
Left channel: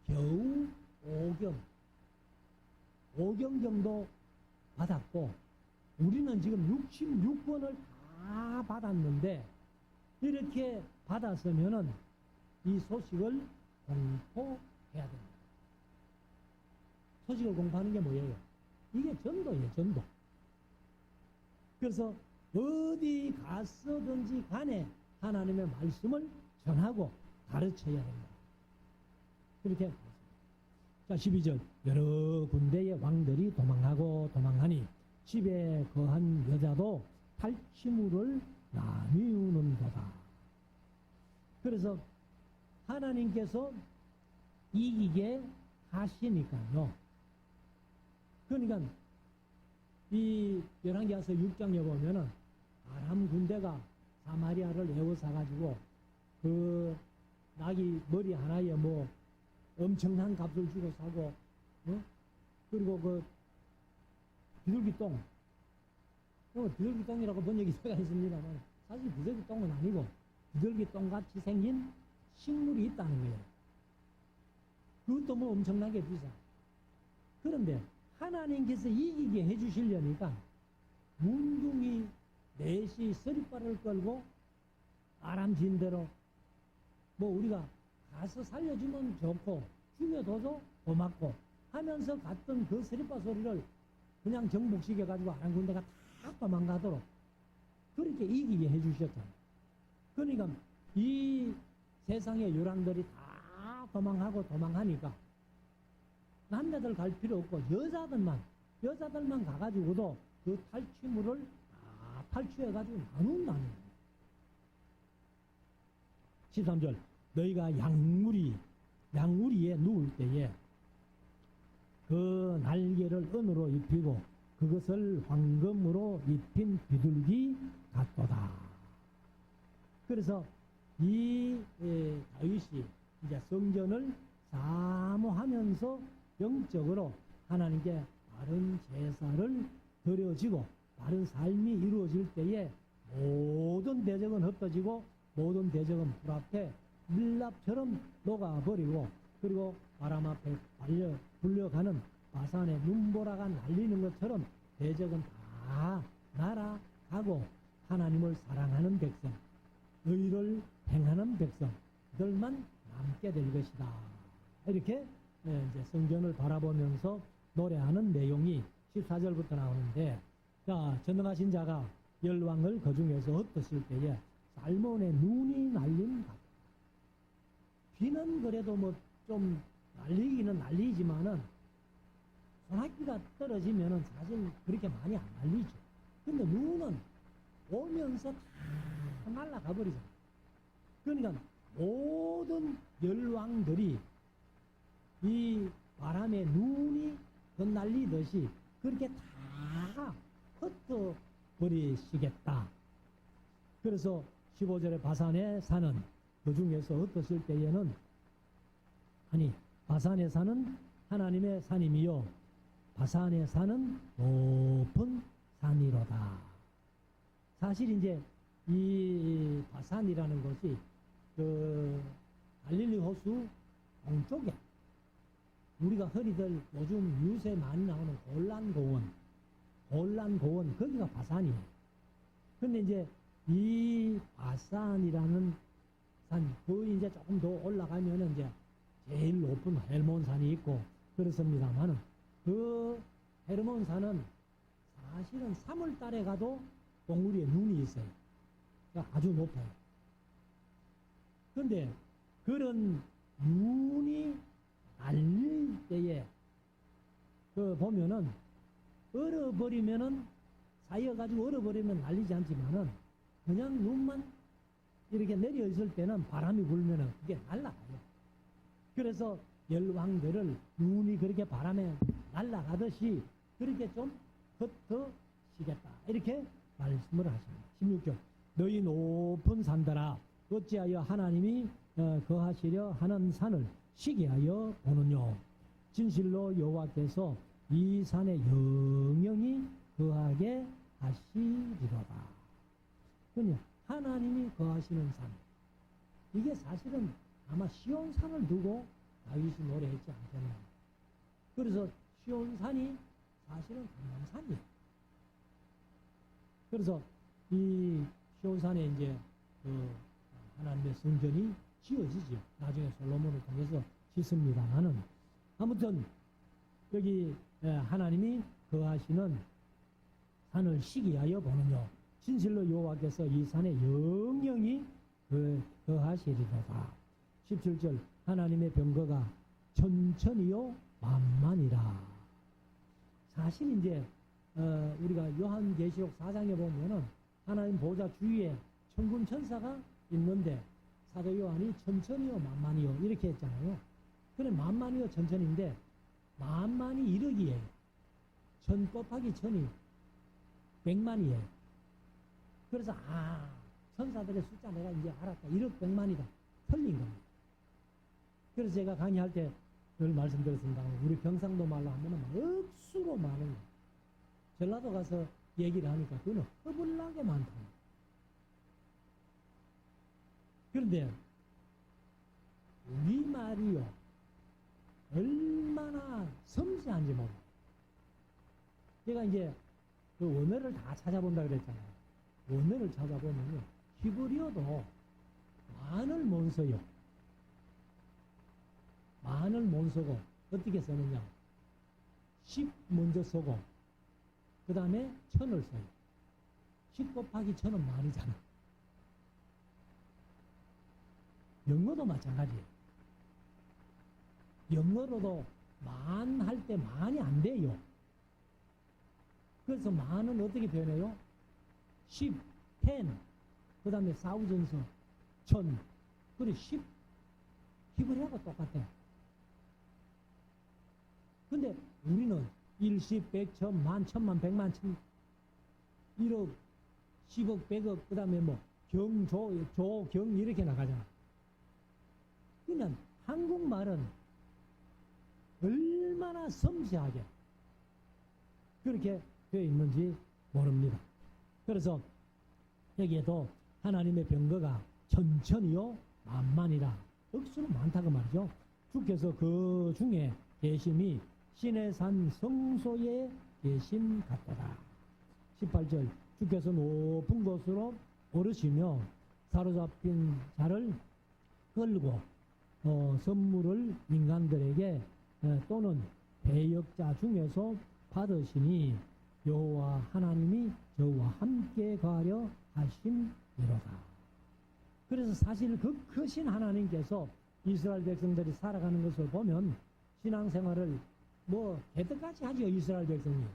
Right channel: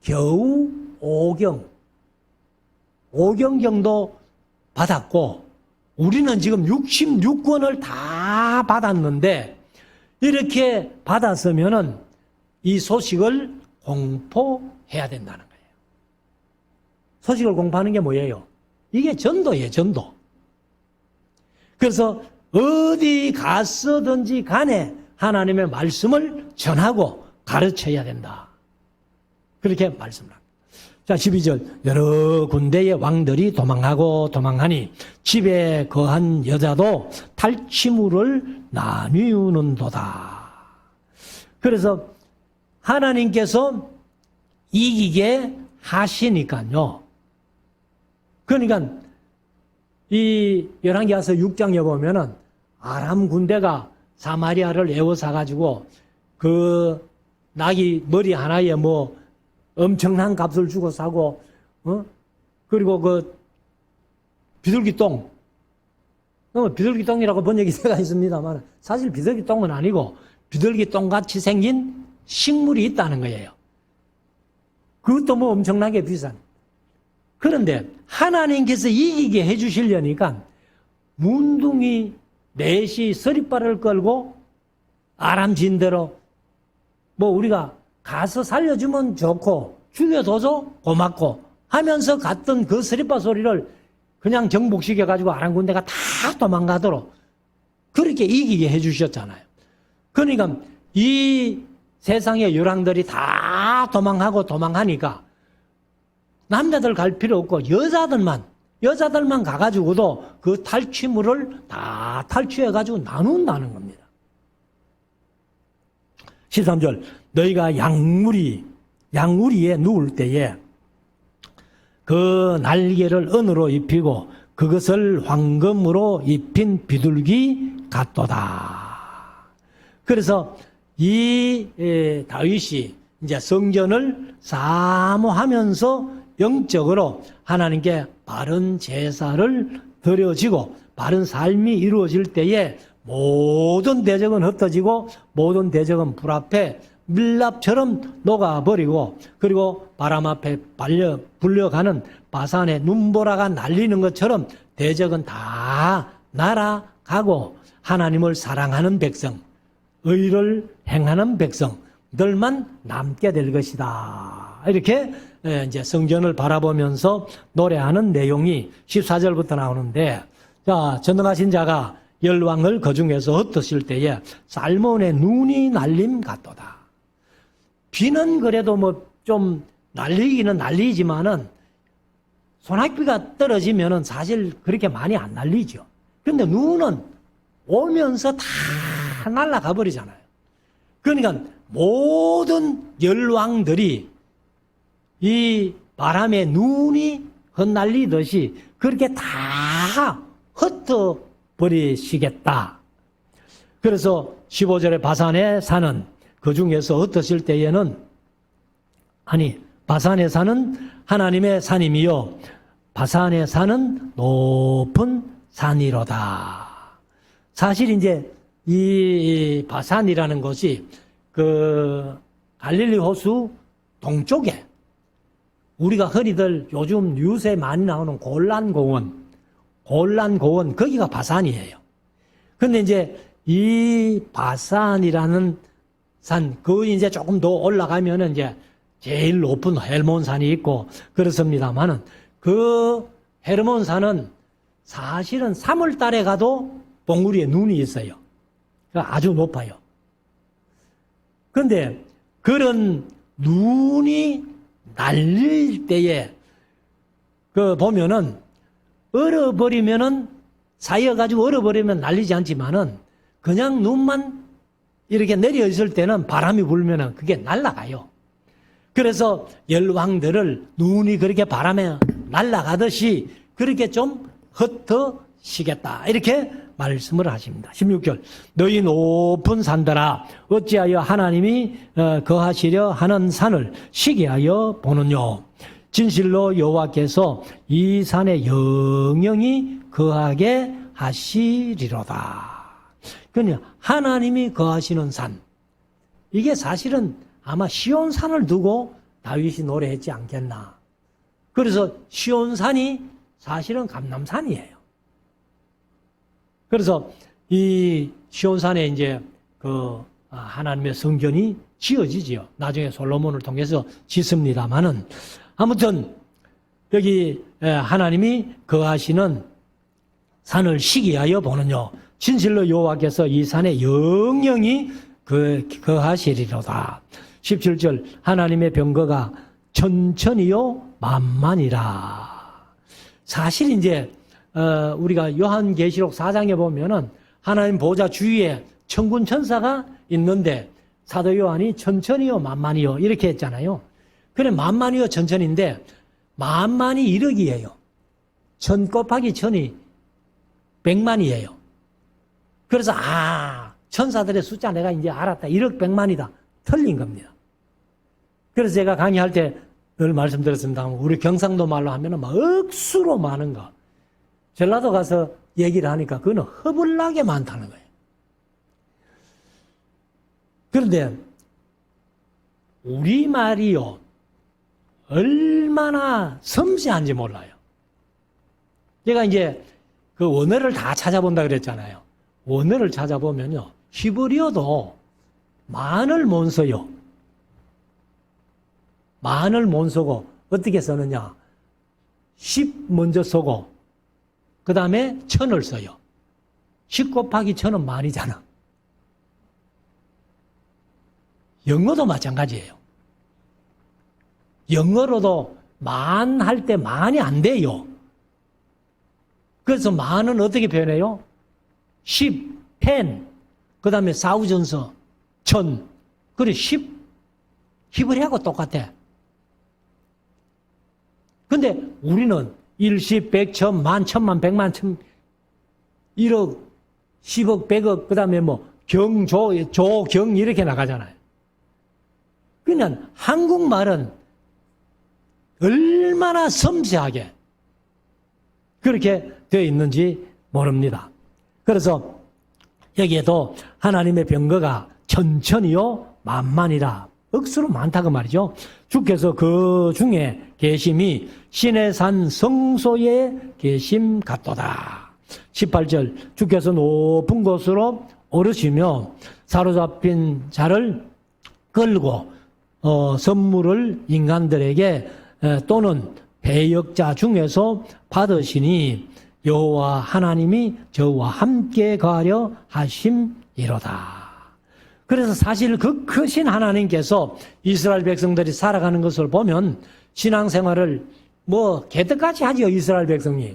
겨우 5경 정도 받았고, 우리는 지금 66권을 다 받았는데, 이렇게 받았으면은 이 소식을 공포해야 된다는 거예요. 소식을 공포하는 게 뭐예요? 이게 전도예요, 전도. 그래서 어디 갔어든지 간에 하나님의 말씀을 전하고 가르쳐야 된다. 그렇게 말씀을 합니다. 자, 12절. 여러 군데의 왕들이 도망하니 집에 거한 여자도 탈취물을 나뉘는도다. 그래서 하나님께서 이기게 하시니까요. 그러니까 이 열왕기하서 6장에 보면은 아람 군대가 사마리아를 에워싸가지고 그 나귀 머리 하나에 뭐 엄청난 값을 주고 사고, 그리고 그 비둘기똥, 비둘기똥이라고 번역이 되어 있습니다만 사실 비둘기똥은 아니고 비둘기똥같이 생긴 식물이 있다는 거예요. 그것도 뭐 엄청나게 비싼. 그런데 하나님께서 이기게 해주시려니까 문둥이 넷이 서리발을 끌고 아람 진대로 뭐 우리가 가서 살려주면 좋고 죽여둬서 고맙고 하면서 갔던 그 서리발 소리를 그냥 정복시켜가지고 아랑군대가 다 도망가도록 그렇게 이기게 해주셨잖아요. 그러니까 이 세상의 열왕들이 다 도망하니까 남자들 갈 필요 없고 여자들만 가가지고도 그 탈취물을 다 탈취해가지고 나눈다는 겁니다. 13절 너희가 양우리에 누울 때에 그 날개를 은으로 입히고 그것을 황금으로 입힌 비둘기 같도다. 그래서 이 다윗이 이제 성전을 사모하면서 영적으로 하나님께 바른 제사를 드려지고 바른 삶이 이루어질 때에 모든 대적은 흩어지고 모든 대적은 불 앞에 밀랍처럼 녹아버리고 그리고 바람 앞에 불려가는 바산의 눈보라가 날리는 것처럼 대적은 다 날아가고 하나님을 사랑하는 백성, 의를 행하는 백성들만 남게 될 것이다. 이렇게 이제 성전을 바라보면서 노래하는 내용이 14절부터 나오는데, 자, 전능하신 자가 열왕을 그 중에서 흩으실 때에 살몬의 눈이 날림 같도다. 비는 그래도 뭐 좀 날리기는 날리지만은 소낙비가 떨어지면은 사실 그렇게 많이 안 날리죠. 근데 눈은 오면서 다 날아가 버리잖아요. 그러니까 모든 열왕들이 이 바람에 눈이 흩날리듯이 그렇게 다 흩어버리시겠다. 그래서 15절에 바산에 사는 그 중에서 흩으실 때에는 바산에 사는 하나님의 산임이요 바산에 사는 높은 산이로다. 사실 이제 이 바산이라는 것이 그 갈릴리 호수 동쪽에 우리가 흔히들 요즘 뉴스에 많이 나오는 골란고원 거기가 바산이에요. 근데 이제 이 바산이라는 산, 그 이제 조금 더 올라가면은 이제 제일 높은 헬몬산이 있고 그렇습니다만은 그 헬몬산은 사실은 3월 달에 가도 봉우리에 눈이 있어요. 아주 높아요. 그런데 그런 눈이 날릴 때에 그 보면은 얼어버리면은 쌓여가지고 얼어버리면 날리지 않지만은 그냥 눈만 이렇게 내려 있을 때는 바람이 불면은 그게 날아가요. 그래서 열왕들을 눈이 그렇게 바람에 날아가듯이 그렇게 좀 흩어시겠다. 이렇게 말씀을 하십니다. 16절 너희 높은 산들아 어찌하여 하나님이 거하시려 하는 산을 시기하여 보느뇨. 진실로 여호와께서 이 산에 영영히 거하게 하시리로다. 그러니 하나님이 거하시는 산, 이게 사실은 아마 시온산을 두고 다윗이 노래했지 않겠나. 그래서 시온산이 사실은 감람산이에요. 그래서 이 시온산에 이제 그 하나님의 성전이 지어지지요. 나중에 솔로몬을 통해서 짓습니다만은 아무튼 여기 하나님이 거하시는 산을 시기하여 보느뇨. 진실로 여호와께서 이 산에 영영히 거하시리로다. 17절 하나님의 병거가 천천히요 만만이라. 사실 이제 우리가 요한계시록 4장에 보면은 하나님 보좌 주위에 천군 천사가 있는데 사도 요한이 천천히요 만만이요 이렇게 했잖아요. 그래 만만이요 천천인데 만만이 1억이에요. 천 곱하기 천이 100만이에요. 그래서 천사들의 숫자 내가 이제 알았다. 1억 100만이다. 틀린 겁니다. 그래서 제가 강의할 때 늘 말씀드렸습니다. 우리 경상도 말로 하면은 막 억수로 많은 거. 전라도 가서 얘기를 하니까 그거는 허블나게 많다는 거예요. 그런데 우리말이요 얼마나 섬세한지 몰라요. 제가 이제 그 원어를 다 찾아본다 그랬잖아요. 원어를 찾아보면요 히브리어도 만을 못 써요. 만을 못 쓰고 어떻게 쓰느냐 10 먼저 쓰고 그 다음에 1000을 써요. 10 곱하기 1000은 만이잖아. 영어도 마찬가지예요. 영어로도 만 할 때 만이 안 돼요. 그래서 만은 어떻게 표현해요? 10, 10, 그 다음에 사우전서, 1000. 그래, 10. 히브리하고 똑같아. 근데 우리는 1, 10, 100, 1000, 만, 1000만, 100만, 1000, 1억, 10억, 100억, 그 다음에 뭐, 경, 조, 경, 이렇게 나가잖아요. 그냥 한국말은 얼마나 섬세하게 그렇게 되어 있는지 모릅니다. 그래서 여기에도 하나님의 병거가 천천히요 만만이라 억수로 많다고 말이죠. 주께서 그 중에 계심이 신의 산 성소에 계심 같도다. 18절 주께서 높은 곳으로 오르시며 사로잡힌 자를 끌고 선물을 인간들에게 또는 배역자 중에서 받으시니 여호와 하나님이 저와 함께 가려 하심이로다. 그래서 사실 그 크신 하나님께서 이스라엘 백성들이 살아가는 것을 보면 신앙생활을 뭐 개떡같이 하죠. 이스라엘 백성이.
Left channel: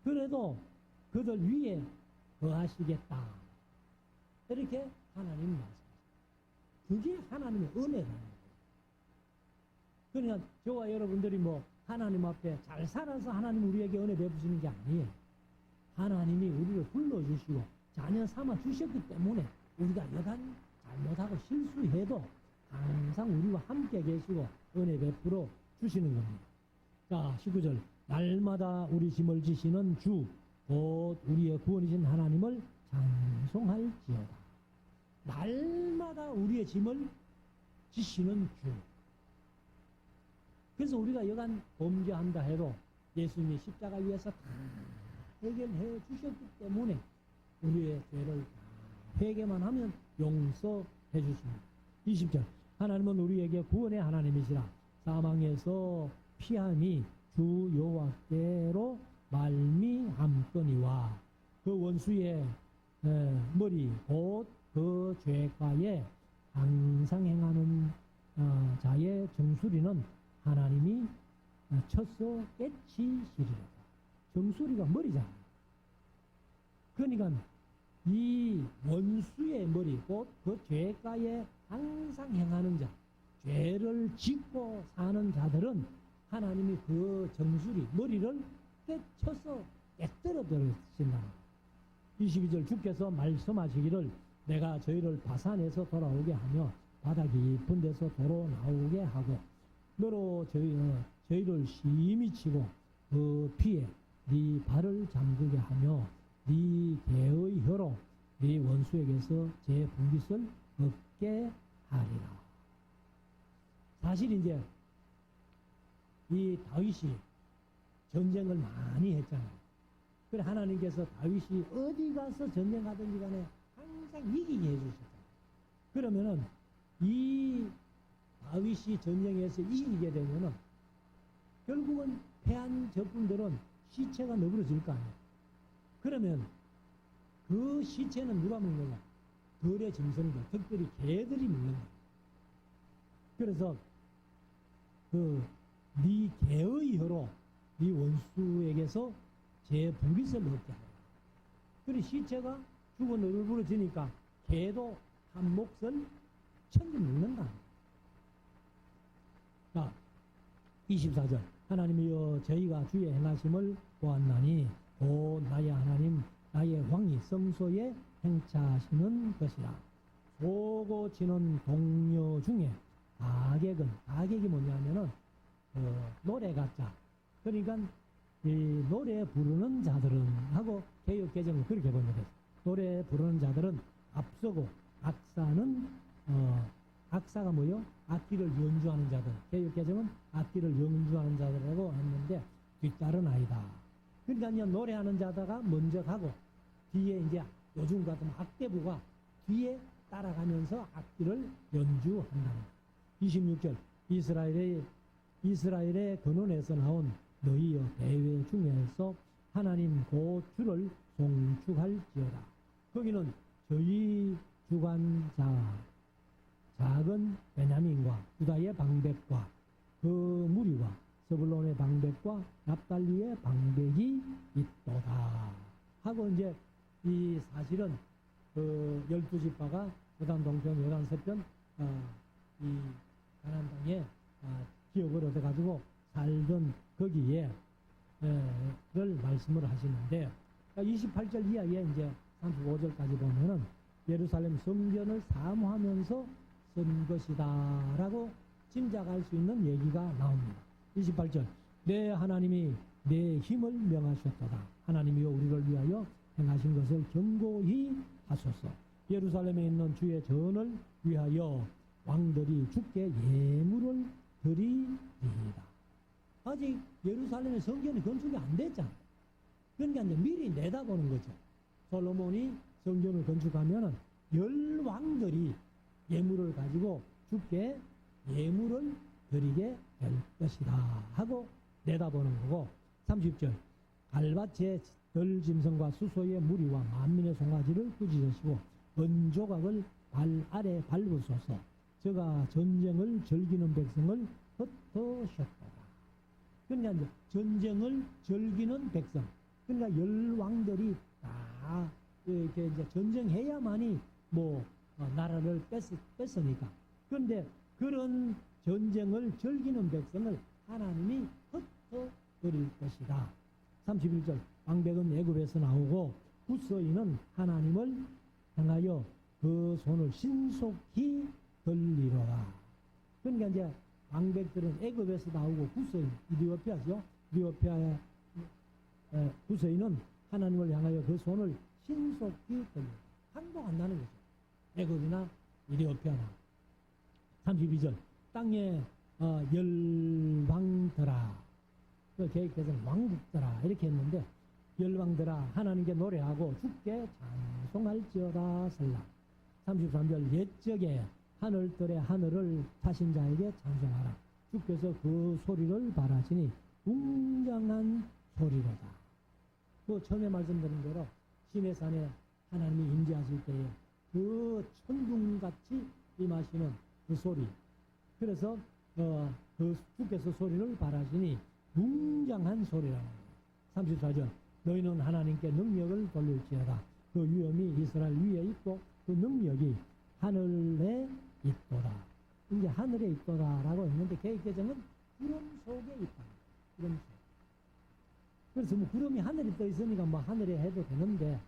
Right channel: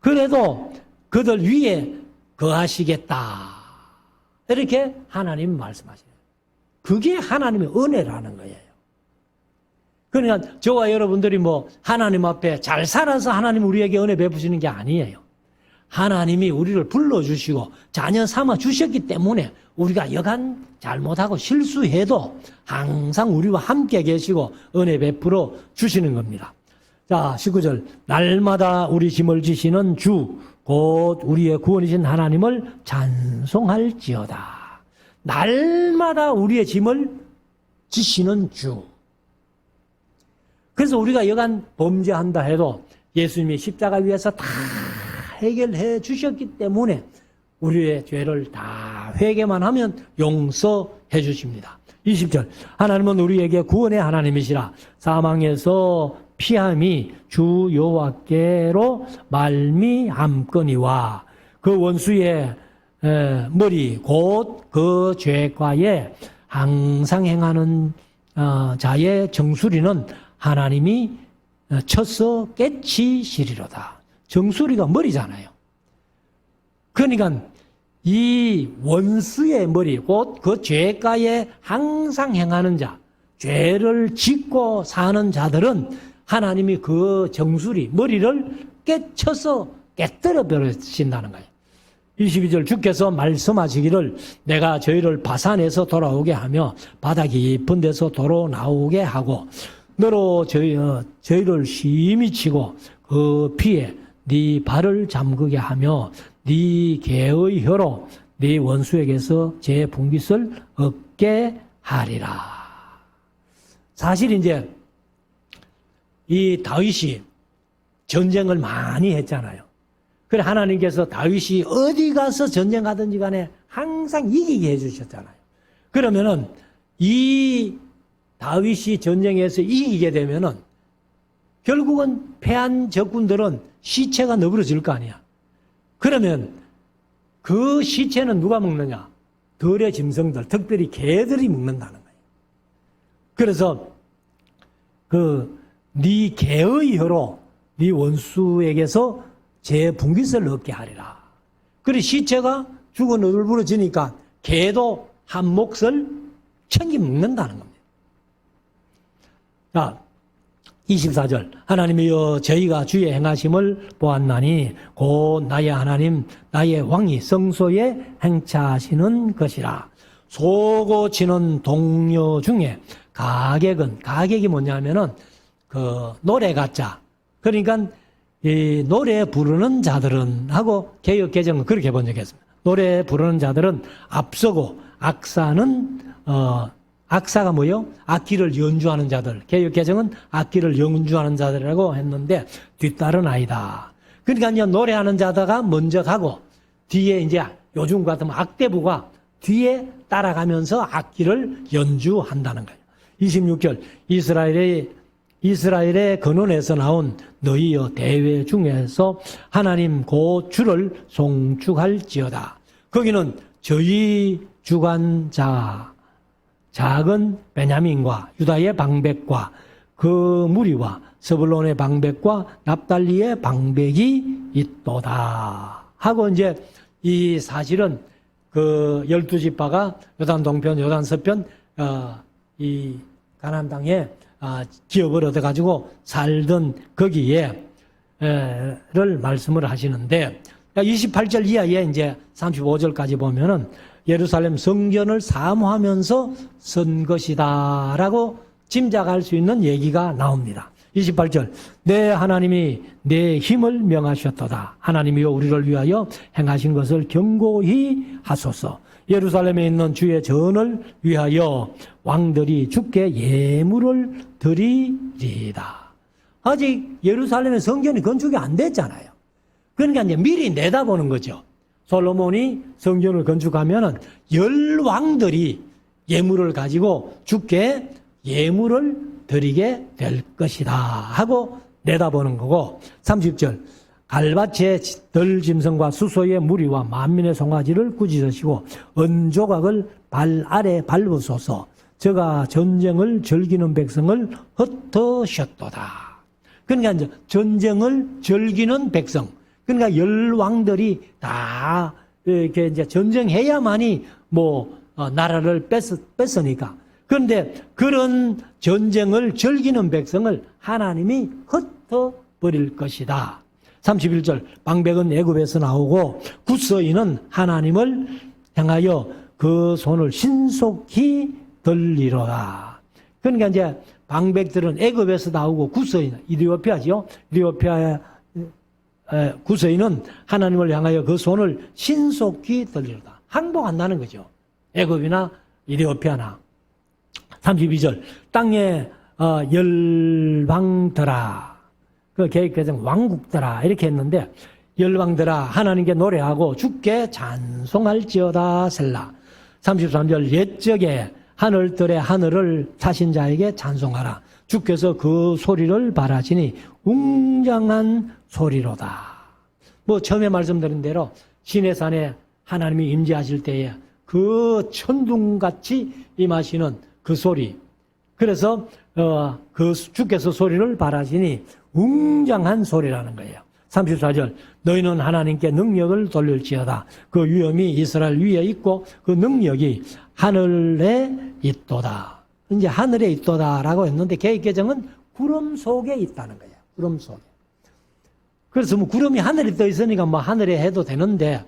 그래도 그들 위에 거하시겠다. 이렇게 하나님 말씀하시네요. 그게 하나님의 은혜라는 거예요. 그러니까 저와 여러분들이 뭐 하나님 앞에 잘 살아서 하나님 우리에게 은혜 베푸시는 게 아니에요. 하나님이 우리를 불러주시고 자녀 삼아 주셨기 때문에 우리가 여간 잘못하고 실수해도 항상 우리와 함께 계시고 은혜 베풀어 주시는 겁니다. 자, 19절 날마다 우리 짐을 지시는 주 곧 우리의 구원이신 하나님을 찬송할지어다. 날마다 우리의 짐을 지시는 주. 그래서 우리가 여간 범죄한다 해도 예수님이 십자가 위에서 다 해결해 주셨기 때문에 우리의 죄를 다 회개만 하면 용서해 주십니다. 20절 하나님은 우리에게 구원의 하나님이시라. 사망에서 피함이 주 여호와께로 말미암거니와 그 원수의 머리 곧 그 죄과에 항상 행하는 자의 정수리는 하나님이 쳐서 깨치시리로다. 정수리가 머리잖아요. 그러니까 이 원수의 머리 곧 그 죄가에 항상 행하는 자, 죄를 짓고 사는 자들은 하나님이 그 정수리 머리를 깨쳐서 깨뜨려 버리신다는 거예요. 22절 주께서 말씀하시기를 내가 저희를 바산에서 돌아오게 하며 바다 깊은 데서 도로 나오게 하고 너로 저희를 심히 치고 그 피에 네 발을 잠그게 하며 네 개의 혀로 네 원수에게서 제 분깃을 얻게 하리라. 사실 이제 이 다윗이 전쟁을 많이 했잖아요. 그래 하나님께서 다윗이 어디 가서 전쟁하든지 간에 항상 이기게 해주셨잖아요. 그러면은 이 다윗이 전쟁에서 이기게 되면은 결국은 패한 적군들은 시체가 너부러질 거 아니야. 그러면 그 시체는 누가 먹느냐? 들의 짐승들, 특별히 개들이 먹는다는 거예요. 그래서 네 개의 혀로 네 원수에게서 제 분깃을 얻게 하리라. 그래 시체가 죽어 너부러지니까 개도 한 몫을 챙겨 먹는다는 겁니다. 자, 24절 하나님이여 저희가 주의 행하심을 보았나니 곧 나의 하나님 나의 왕이 성소에 행차하시는 것이라. 소고 치는 동료 중에 가객이 뭐냐면은 그 노래 가짜. 그러니까 이 노래 부르는 자들은 하고 개역 개정은 그렇게 번역했습니다. 노래 부르는 자들은 앞서고 악사가 뭐요? 악기를 연주하는 자들. 개역 개정은 악기를 연주하는 자들이라고 했는데 뒤따른 아이다. 그러니까 이제 노래하는 자다가 먼저 가고 뒤에 이제 요즘 같으면 악대부가 뒤에 따라가면서 악기를 연주한다는 거예요. 26절 이스라엘의 이스라엘의 근원에서 나온 너희여 대회 중에서 하나님 곧 주를 송축할지어다. 거기는 저희 주관자 작은 베냐민과 유다의 방백과 그 무리와 스불론의 방백과 납달리의 방백이 있도다 하고, 이제 이 사실은 그 12지파가 요단 동편, 요단 서편 이 가나안 땅에 기업을 얻어가지고 살던 거기에 를 말씀을 하시는데, 28절 이하에 이제 35절까지 보면은 예루살렘 성전을 사모하면서 쓴 것이다라고 짐작할 수 있는 얘기가 나옵니다. 28절, 내 하나님이 내 힘을 명하셨도다. 하나님이여 우리를 위하여 행하신 것을 경고히 하소서. 예루살렘에 있는 주의 전을 위하여 왕들이 주께 예물을 드리리이다. 아직 예루살렘의 성전이 건축이 안 됐잖아요. 그러니까 이제 미리 내다보는 거죠. 솔로몬이 성전을 건축하면은 10왕들이 예물을 가지고 주께 예물을 드리게 될 것이다 하고 내다보는 거고, 30절, 갈밭의 덜짐승과 수소의 무리와 만민의 송아지를 꾸짖으시고 은조각을 발 아래 밟으소서. 저가 전쟁을 즐기는 백성을 흩으셨도다. 그러니까 이제 전쟁을 즐기는 백성, 그러니까 10왕들이 다 이렇게 이제 전쟁해야만이 나라를 뺐으니까. 그런데 그런 전쟁을 즐기는 백성을 하나님이 흩어버릴 것이다. 31절, 방백은 애굽에서 나오고 굿서인은 하나님을 향하여 그 손을 신속히 들리로다. 그러니까 이제 방백들은 애굽에서 나오고 굿서인, 이디오피아죠. 이디오피아의 굿서인은 하나님을 향하여 그 손을 신속히 들리로다. 항복한다는 거죠. 애굽이나 이디오피아나. 32절, 땅에 열방들아, 그 계획에서는 왕국들아 이렇게 했는데, 열방들아 하나님께 노래하고 주께 찬송할지어다 셀라. 33절, 옛적에 하늘들의 하늘을 차신 자에게 찬송하라. 주께서 그 소리를 바라시니 웅장한 소리로다. 처음에 말씀드린 대로 시내산에 하나님이 임재하실 때에 그 천둥같이 임하시는 그 소리. 그래서 그 주께서 소리를 바라시니 웅장한 소리라는 거예요. 34절, 너희는 하나님께 능력을 돌릴지어다. 그 위엄이 이스라엘 위에 있고 그 능력이 하늘에 있도다. 이제 하늘에 있도다라고 했는데 개획개정은 구름 속에 있다는 거예요. 구름 속에. 그래서 구름이 하늘에 떠 있으니까 하늘에 해도 되는데,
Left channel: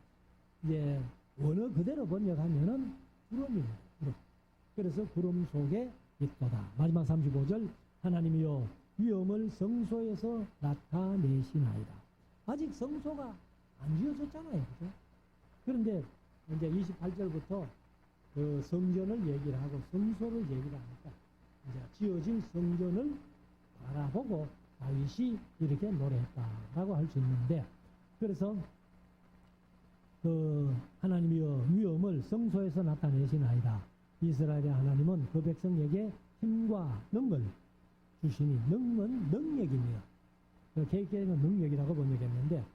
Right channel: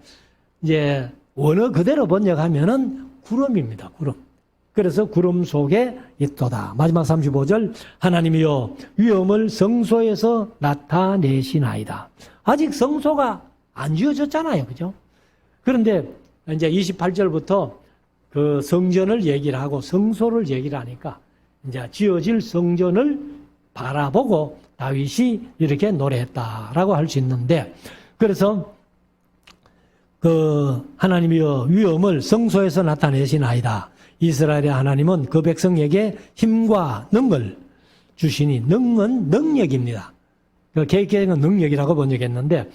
이제 원어 그대로 번역하면은 구름입니다. 구름. 그래서 구름 속에 있도다. 마지막 35절, 하나님이여 위엄을 성소에서 나타내시나이다. 아직 성소가 안 지어졌잖아요. 그죠? 그런데 이제 28절부터 그 성전을 얘기를 하고 성소를 얘기를 하니까 이제 지어질 성전을 바라보고 다윗이 이렇게 노래했다라고 할 수 있는데, 그래서 그 하나님이여 위엄을 성소에서 나타내시나이다. 이스라엘의 하나님은 그 백성에게 힘과 능을 주시니, 능은 능력입니다. 그 개혁개정은 능력이라고 번역했는데,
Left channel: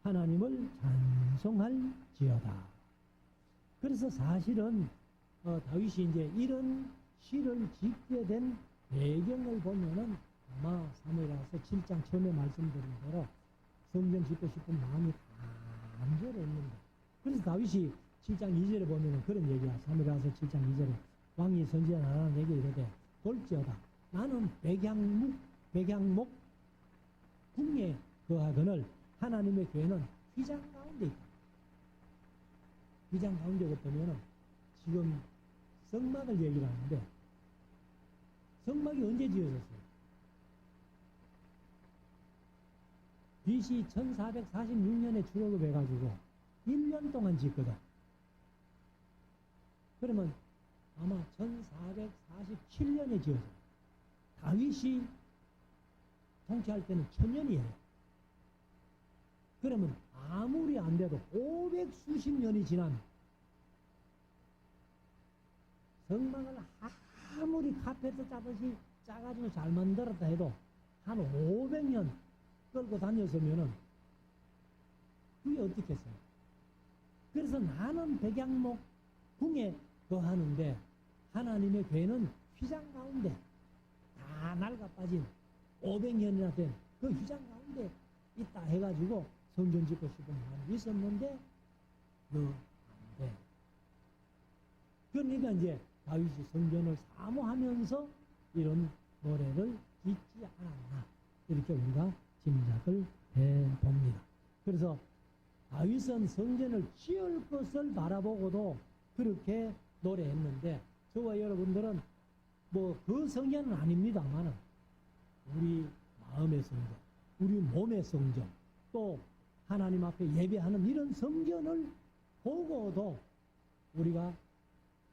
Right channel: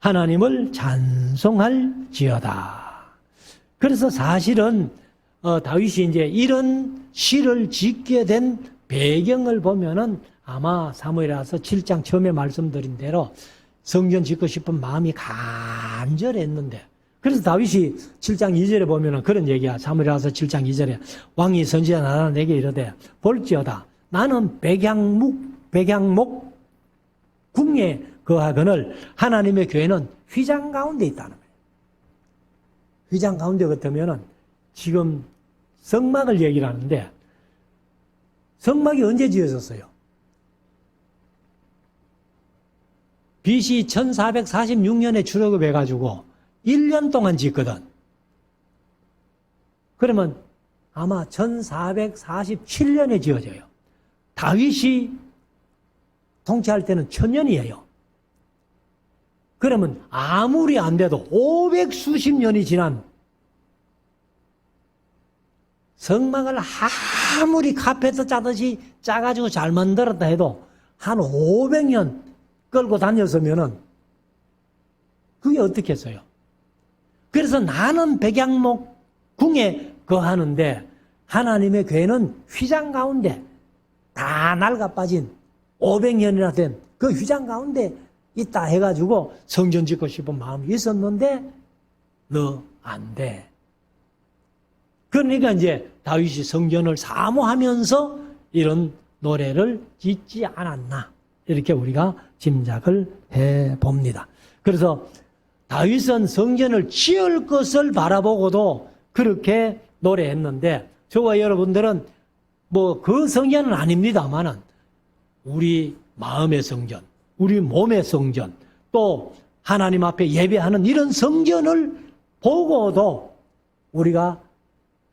하나님을 찬송할지어다. 그래서 사실은 다윗이 이제 이런 시를 짓게 된 배경을 보면은 아마 사무엘하서 7장 처음에 말씀드린 대로 성전 짓고 싶은 마음이 간절했는데, 그래서 다윗이 7장 2절에 보면은 그런 얘기야. 사무엘하서 7장 2절에 왕이 선지자 나라 내게 이르되 볼지어다 나는 백향목 궁에 거하거늘 하나님의 교회는 휘장 가운데 있다는 거예요. 휘장 가운데 같으면은 지금 성막을 얘기를 하는데, 성막이 언제 지어졌어요? BC 1446년에 출애굽해가지고 1년 동안 짓거든. 그러면 아마 1447년에 지어져요. 다윗이 통치할 때는 1000년이에요. 그러면 아무리 안 돼도 500수십 년이 지난 성막을 아무리 카페트 짜듯이 짜가지고 잘 만들었다 해도 한 500년 끌고 다녔으면은 그게 어떻겠어요? 그래서 나는 백양목 궁에 거하는데 하나님의 괴는 휘장 가운데 다 낡아 빠진 500년이나 된 그 휘장 가운데 있다 해가지고 성전 짓고 싶은 마음이 있었는데 너 안 돼. 그러니까 이제 다윗이 성전을 사모하면서 이런 노래를 짓지 않았나 이렇게 우리가 짐작을 해봅니다. 그래서 다윗은 성전을 지을 것을 바라보고도 그렇게 노래했는데 저와 여러분들은 뭐 그 성전은 아닙니다만은 우리 마음의 성전, 우리 몸의 성전, 또 하나님 앞에 예배하는 이런 성전을 보고도 우리가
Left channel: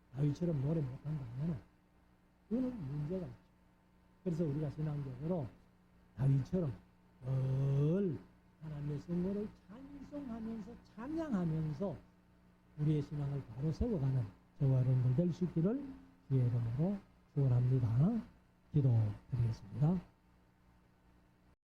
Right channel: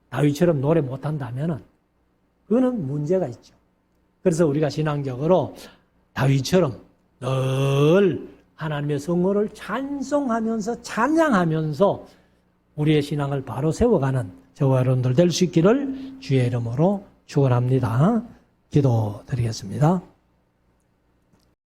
다윗처럼 노래 못한다면은 그거는 문제가 있죠. 그래서 우리가 신앙적으로 다윗처럼 늘 하나님의 성호를 찬송하면서 찬양하면서 우리의 신앙을 바로 세워가는 저와 여러분들 될 수 있기를 주의 이름으로 축원합니다. 기도드리겠습니다.